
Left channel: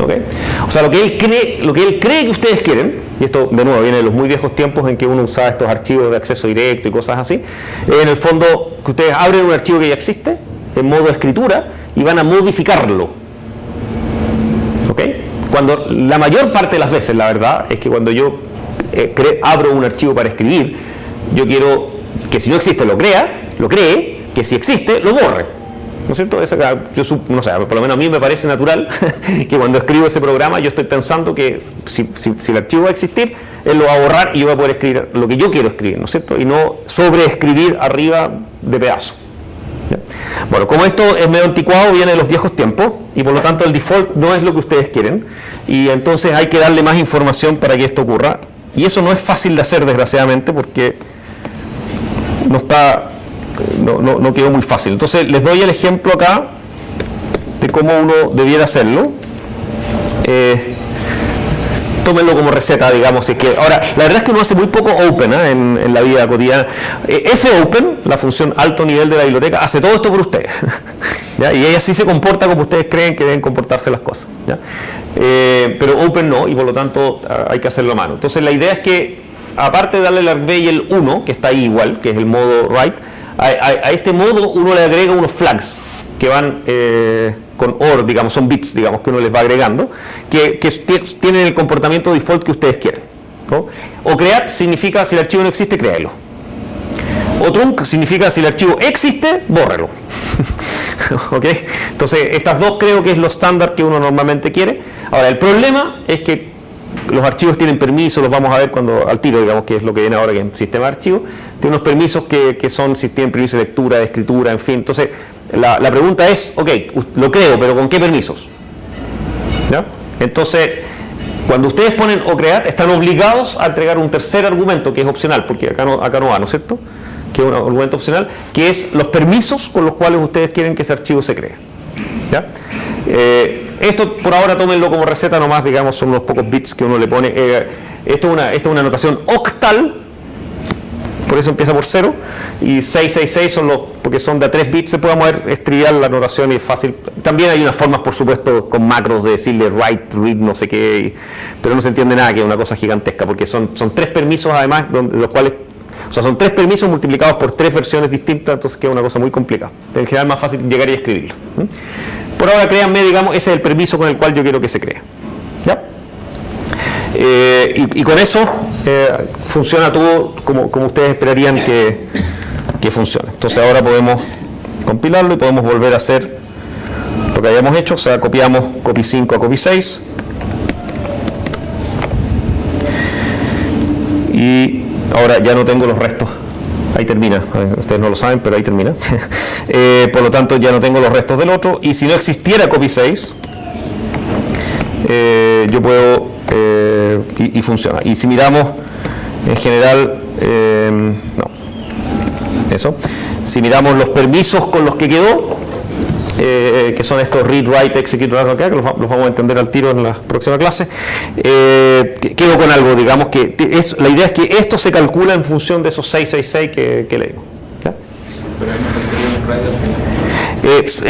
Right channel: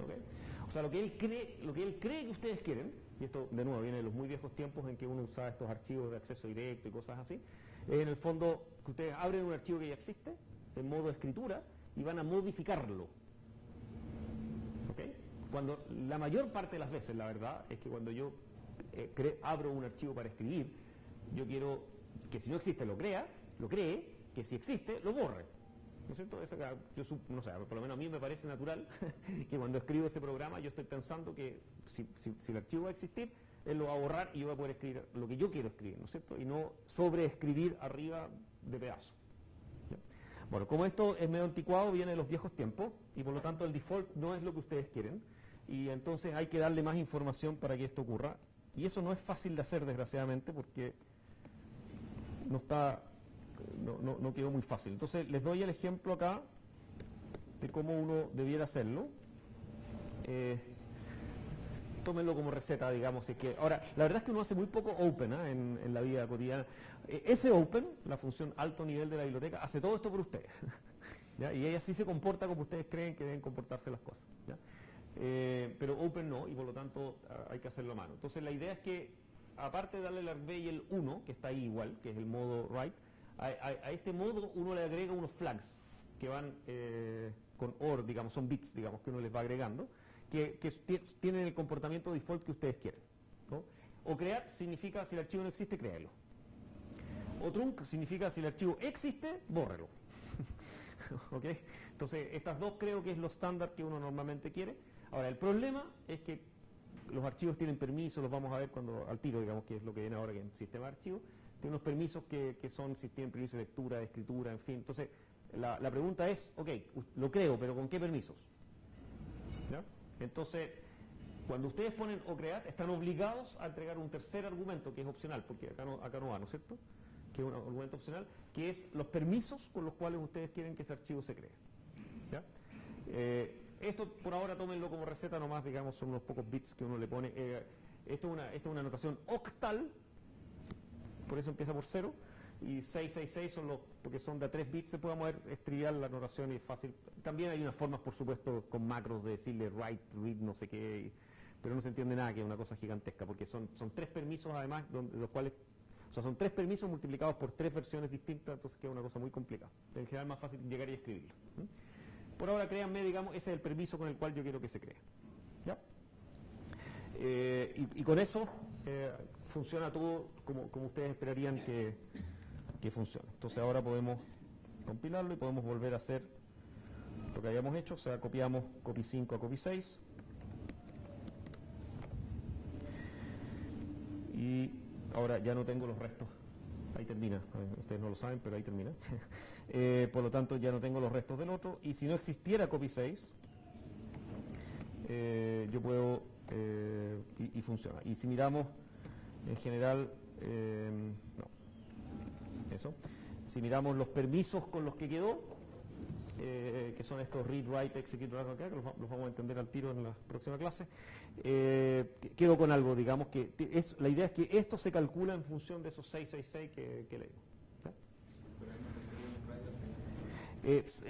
¿Okay? O sea, lo que él cree que ustedes quieren, y esto de nuevo viene de los muy viejos tiempos en que uno usaba estos archivos de acceso directo y cosas así, en el fondo que ustedes abren un archivo que ya existe en modo escritura y van a modificarlo. ¿Okay? Cuando la mayor parte de las veces, la verdad, es que cuando yo abro un archivo para escribir, yo quiero que si no existe lo cree, que si existe lo borre. ¿No es cierto? No sé, por lo menos a mí me parece natural que cuando escribo ese programa yo estoy pensando que si el archivo va a existir, él lo va a borrar y yo voy a poder escribir lo que yo quiero escribir, ¿no es cierto? Y no sobreescribir arriba de pedazo. ¿Ya? Bueno, como esto es medio anticuado, viene de los viejos tiempos y por lo tanto el default no es lo que ustedes quieren y entonces hay que darle más información para que esto ocurra y eso no es fácil de hacer desgraciadamente porque no quedó muy fácil. Entonces les doy el ejemplo acá de cómo uno debiera hacerlo. Tómenlo como receta, digamos. Ahora, la verdad es que uno hace muy poco open en la vida cotidiana. fopen, la función alto nivel de la biblioteca, hace todo esto por ustedes. ¿Ya? Y ella sí se comporta como ustedes creen que deben comportarse las cosas. ¿Ya? Pero open no, y por lo tanto hay que hacerlo a mano. Entonces la idea es que, aparte de darle el argv y el 1, que está ahí igual, que es el modo write, a este modo uno le agrega unos flags que van con OR, digamos, son bits, digamos, que uno les va agregando, que tienen el comportamiento default que ustedes quieren, ¿no? O create significa si el archivo no existe, créelo. O trunc significa si el archivo existe, bórrelo. ¿Ok? Entonces, estas dos creo que es lo estándar que uno normalmente quiere. Ahora, el problema es que los archivos tienen permisos, los vamos a ver cuando al tiro, digamos, que es lo que viene ahora que es sistema de archivos. Tiene unos permisos que son si tienen permiso de lectura, de escritura, en fin. Entonces, la pregunta es, ok, lo creo, pero ¿con qué permisos? ¿Ya? Entonces, cuando ustedes ponen ocreate, están obligados a entregar un tercer argumento que es opcional, porque acá no va, ¿no es cierto? Que es un argumento opcional, que es los permisos con los cuales ustedes quieren que ese archivo se cree. ¿Ya? Esto por ahora tómenlo como receta nomás, digamos, son unos pocos bits que uno le pone. Esto es una notación octal, por eso empieza por 0, y 666 porque son de a 3 bits, se puede mover, es trivial la notación y es fácil. También hay unas formas, por supuesto, con macros de decirle write, read, no sé qué, pero no se entiende nada, que es una cosa gigantesca, porque son 3 permisos además, de los cuales, o sea, son 3 permisos multiplicados por 3 versiones distintas, entonces queda una cosa muy complicada. En general es más fácil llegar y escribirlo. Por ahora, créanme, digamos, ese es el permiso con el cual yo quiero que se cree. ¿Ya? Y con eso funciona todo como ustedes esperarían que funcione. Entonces ahora podemos compilarlo y podemos volver a hacer lo que habíamos hecho, o sea, copiamos copy 5 a copy 6 y ahora ya no tengo los restos. Ahí termina, ustedes no lo saben, pero ahí termina. Por lo tanto, ya no tengo los restos del otro. Y si no existiera copy 6, yo puedo, y funciona. Y si miramos, en general, no, eso. Si miramos los permisos con los que quedó, que son estos read, write, execute, acá, que los vamos a entender al tiro en la próxima clase, quedo con algo, digamos, que la idea es que esto se calcula en función de esos 666 que leímos. ¿Ya? Pero ahí no tendría un write al final.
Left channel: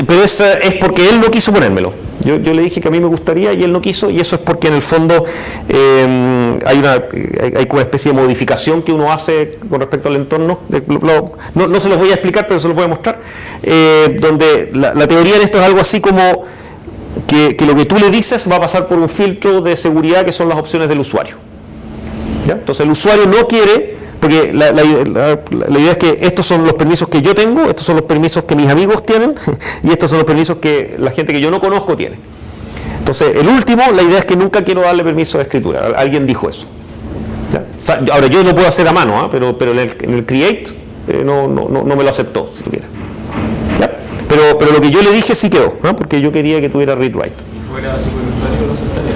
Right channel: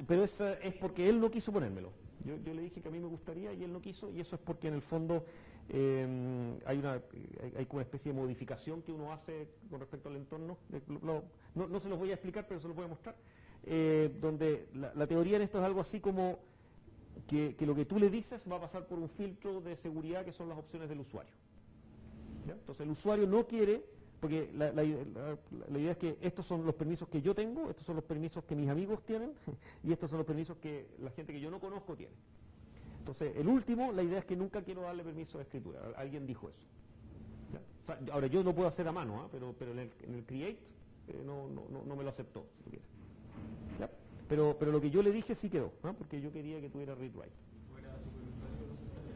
Pero es porque él no quiso ponérmelo. Yo le dije que a mí me gustaría y él no quiso, y eso es porque en el fondo hay como una especie de modificación que uno hace con respecto al entorno. No se los voy a explicar, pero se los voy a mostrar. Donde la teoría de esto es algo así como que lo que tú le dices va a pasar por un filtro de seguridad que son las opciones del usuario. ¿Ya? Entonces el usuario no quiere, porque la idea es que estos son los permisos que yo tengo, estos son los permisos que mis amigos tienen y estos son los permisos que la gente que yo no conozco tiene. Entonces el último, la idea es que nunca quiero darle permiso de escritura. Alguien dijo eso. ¿Ya? O sea, ahora yo lo puedo hacer a mano, pero en el create no me lo aceptó, si tuviera. ¿Ya? Pero lo que yo le dije sí quedó, porque yo quería que tuviera read write. Si fuera superusuario, ¿lo aceptaría?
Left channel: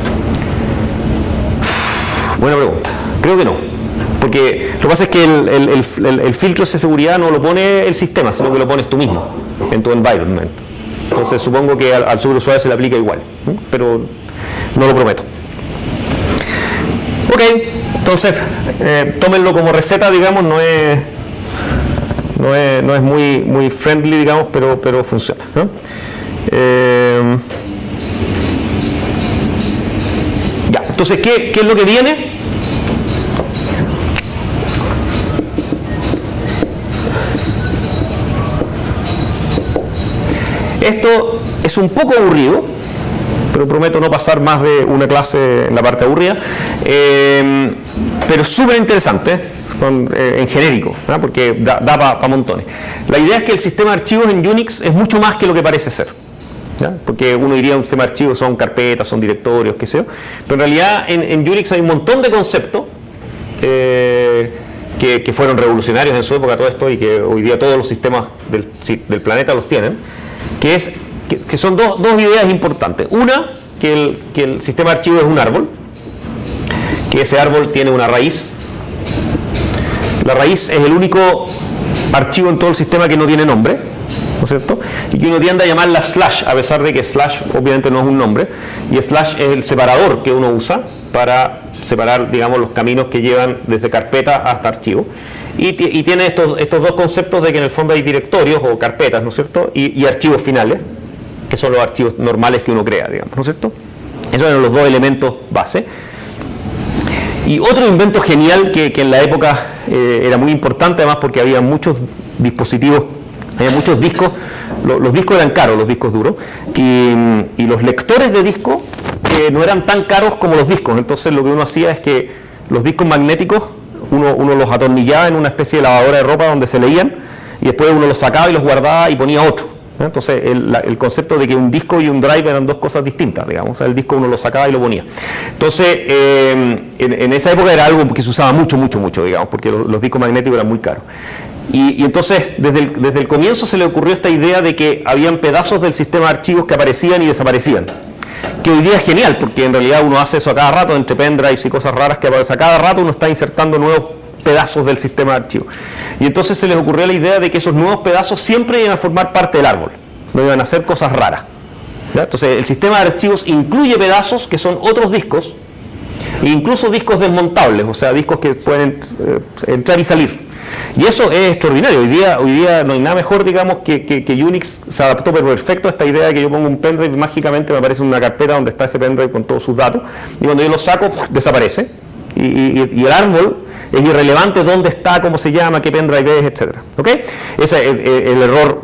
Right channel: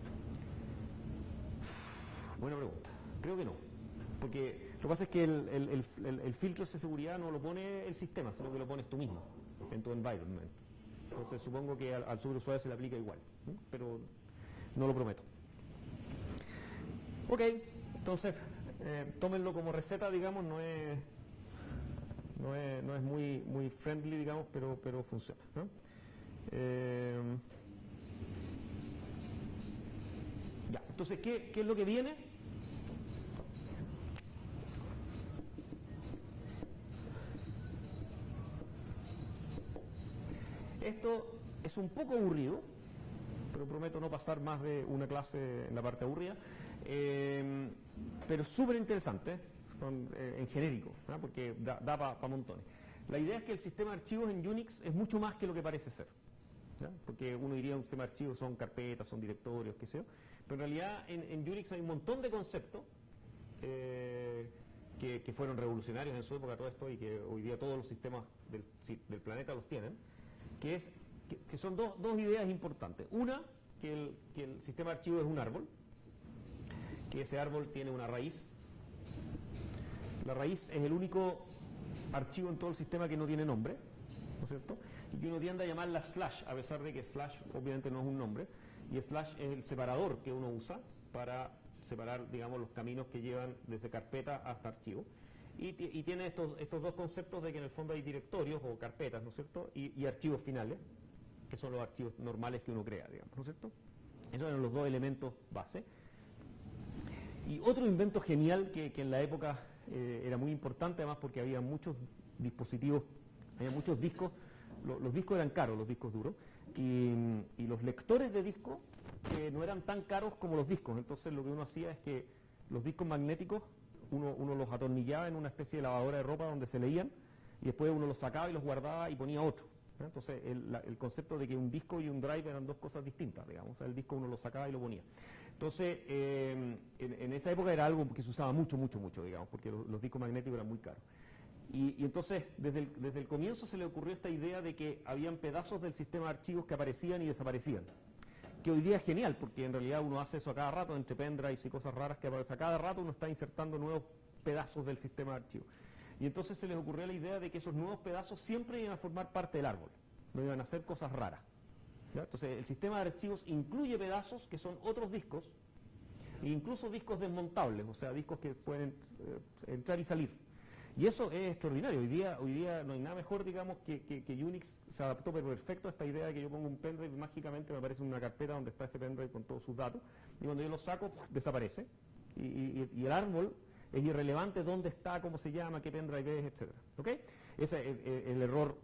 Buena pregunta. Creo que no. Porque lo que pasa es que el filtro de seguridad no lo pone el sistema, sino que lo pones tú mismo en tu environment. Entonces supongo que al superusuario se le aplica igual, pero no lo prometo. Ok, entonces tómenlo como receta, digamos, no es muy friendly, digamos, pero funciona, ¿no? Ya, entonces, ¿qué es lo que viene? Esto es un poco aburrido, pero prometo no pasar más de una clase en la parte aburrida, pero súper interesante en genérico, ¿no? Porque da para montones. La idea es que el sistema de archivos en Unix es mucho más que lo que parece ser, ¿ya? Porque uno diría un sistema de archivos son carpetas, son directorios, qué sé yo, pero en realidad en Unix hay un montón de conceptos que que fueron revolucionarios en su época todo esto y que hoy día todos los sistemas del planeta los tienen, que son dos ideas importantes. Una, que el sistema de archivos es un árbol, que ese árbol tiene una raíz. La raíz es el único archivo en todo el sistema que no tiene nombre, ¿no es cierto? Y que uno tiende a llamarla slash, a pesar de que slash obviamente no es un nombre, y slash es el separador que uno usa para separar, digamos, los caminos que llevan desde carpeta hasta archivo. Y tiene estos dos conceptos de que en el fondo hay directorios o carpetas, ¿no es cierto? Y archivos finales, que son los archivos normales que uno crea, digamos, ¿no es cierto? Esos eran los dos elementos base. Y otro invento genial que en la época era muy importante, además porque había muchos dispositivos, había muchos discos, los discos eran caros, los discos duros, y los lectores de disco no eran tan caros como los discos. Entonces lo que uno hacía es que los discos magnéticos uno los atornillaba en una especie de lavadora de ropa donde se leían, y después uno los sacaba y los guardaba y ponía otro. Entonces el concepto de que un disco y un drive eran dos cosas distintas, digamos. O sea, el disco uno lo sacaba y lo ponía. Entonces en esa época era algo que se usaba mucho, digamos, porque los discos magnéticos eran muy caros. Y entonces desde el comienzo se le ocurrió esta idea de que habían pedazos del sistema de archivos que aparecían y desaparecían, que hoy día es genial, porque en realidad uno hace eso a cada rato entre pendrives y cosas raras que aparecen. A cada rato uno está insertando nuevos pedazos del sistema de archivos. Y entonces se les ocurrió la idea de que esos nuevos pedazos siempre iban a formar parte del árbol, no iban a hacer cosas raras, ¿ya? Entonces el sistema de archivos incluye pedazos que son otros discos, e incluso discos desmontables, o sea, discos que pueden entrar y salir. Y eso es extraordinario. Hoy día no hay nada mejor, digamos, que Unix se adaptó perfecto a esta idea de que yo pongo un pendrive y mágicamente me aparece una carpeta donde está ese pendrive con todos sus datos, y cuando yo lo saco, desaparece. Y el árbol es irrelevante dónde está, cómo se llama, qué pendrive es, etc. ¿Okay? Ese es el error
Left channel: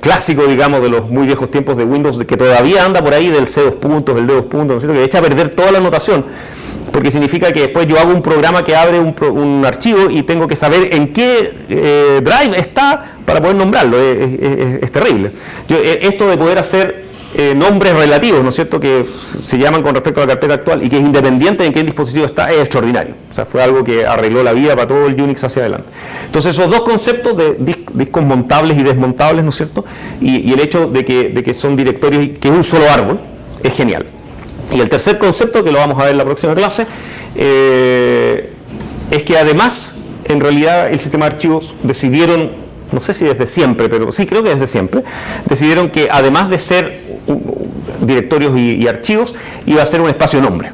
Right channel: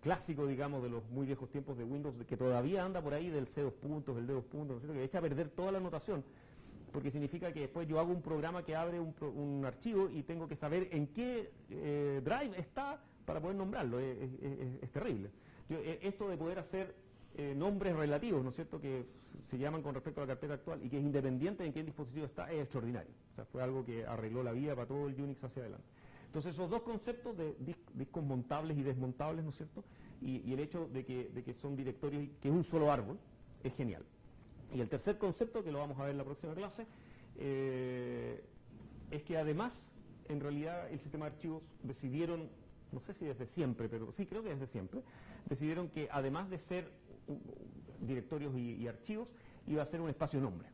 clásico, digamos, de los muy viejos tiempos de Windows, que todavía anda por ahí del C2 puntos, del D2 puntos, ¿no es cierto? Que echa a perder toda la notación, porque significa que después yo hago un programa que abre un archivo y tengo que saber en qué drive está para poder nombrarlo. Es terrible. Esto de poder hacer nombres relativos, ¿no es cierto?, que se llaman con respecto a la carpeta actual y que es independiente de en qué dispositivo está, es extraordinario. O sea, fue algo que arregló la vida para todo el Unix hacia adelante. Entonces, esos dos conceptos de discos montables y desmontables, ¿no es cierto?, y el hecho de que son directorios y que es un solo árbol, es genial. Y el tercer concepto, que lo vamos a ver en la próxima clase, es que además, en realidad, el sistema de archivos decidieron, no sé si desde siempre, pero sí creo que desde siempre, decidieron que además de ser directorios y archivos, iba a ser un espacio nombre.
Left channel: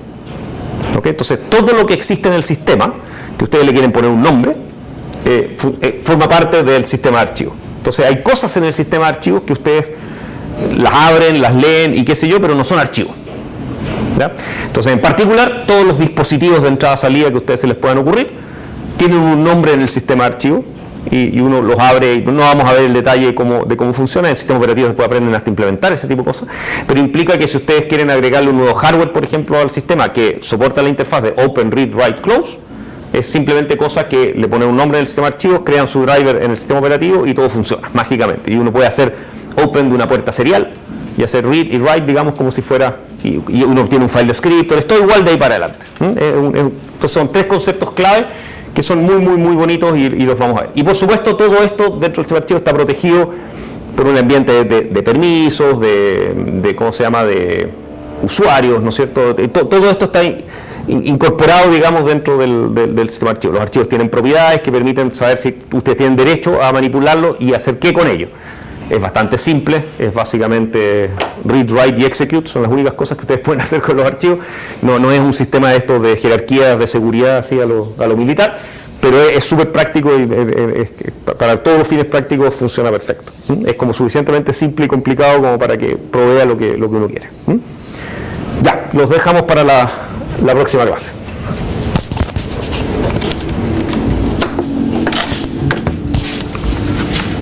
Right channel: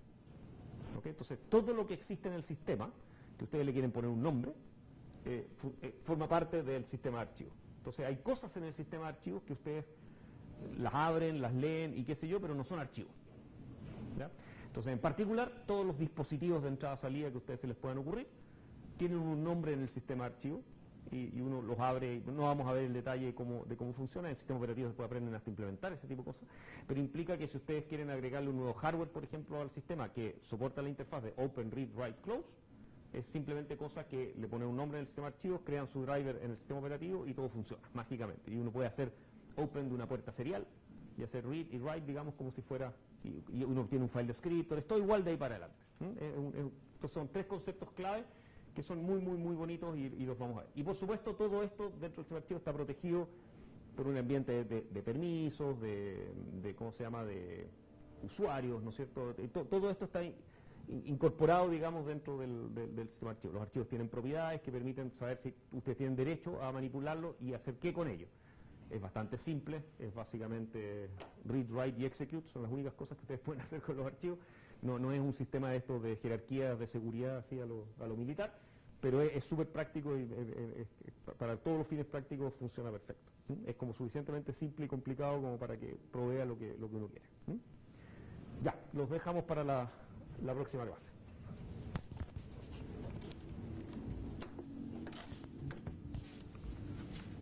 ¿Okay? Entonces, todo lo que existe en el sistema, que ustedes le quieren poner un nombre, forma parte del sistema de archivos. Entonces, hay cosas en el sistema de archivos que ustedes las abren, las leen y qué sé yo, pero no son archivos. ¿Ya? Entonces, en particular, todos los dispositivos de entrada-salida que a ustedes se les puedan ocurrir tienen un nombre en el sistema de archivos y uno los abre. Y no vamos a ver el detalle de cómo funciona. En el sistema operativo después aprenden hasta implementar ese tipo de cosas, pero implica que si ustedes quieren agregarle un nuevo hardware, por ejemplo, al sistema que soporta la interfaz de Open, Read, Write, Close, es simplemente cosa que le ponen un nombre en el sistema de archivos, crean su driver en el sistema operativo y todo funciona mágicamente. Y uno puede hacer Open de una puerta serial y hacer read y write, digamos, como si fuera, y uno obtiene un file descriptor, es todo igual de ahí para adelante. Entonces son tres conceptos clave que son muy bonitos y los vamos a ver. Y por supuesto todo esto dentro del sistema de archivos está protegido por un ambiente de permisos, ¿cómo se llama?, de usuarios, ¿no es cierto? Todo esto está incorporado, digamos, dentro del sistema de archivos. Los archivos tienen propiedades que permiten saber si ustedes tienen derecho a manipularlo y hacer qué con ello. Es bastante simple, es básicamente read, write y execute, son las únicas cosas que ustedes pueden hacer con los archivos. No es un sistema de estos de jerarquías de seguridad así a lo militar, pero es súper práctico y para todos los fines prácticos funciona perfecto. Es como suficientemente simple y complicado como para que provea lo que uno quiere. Ya, los dejamos para la próxima clase.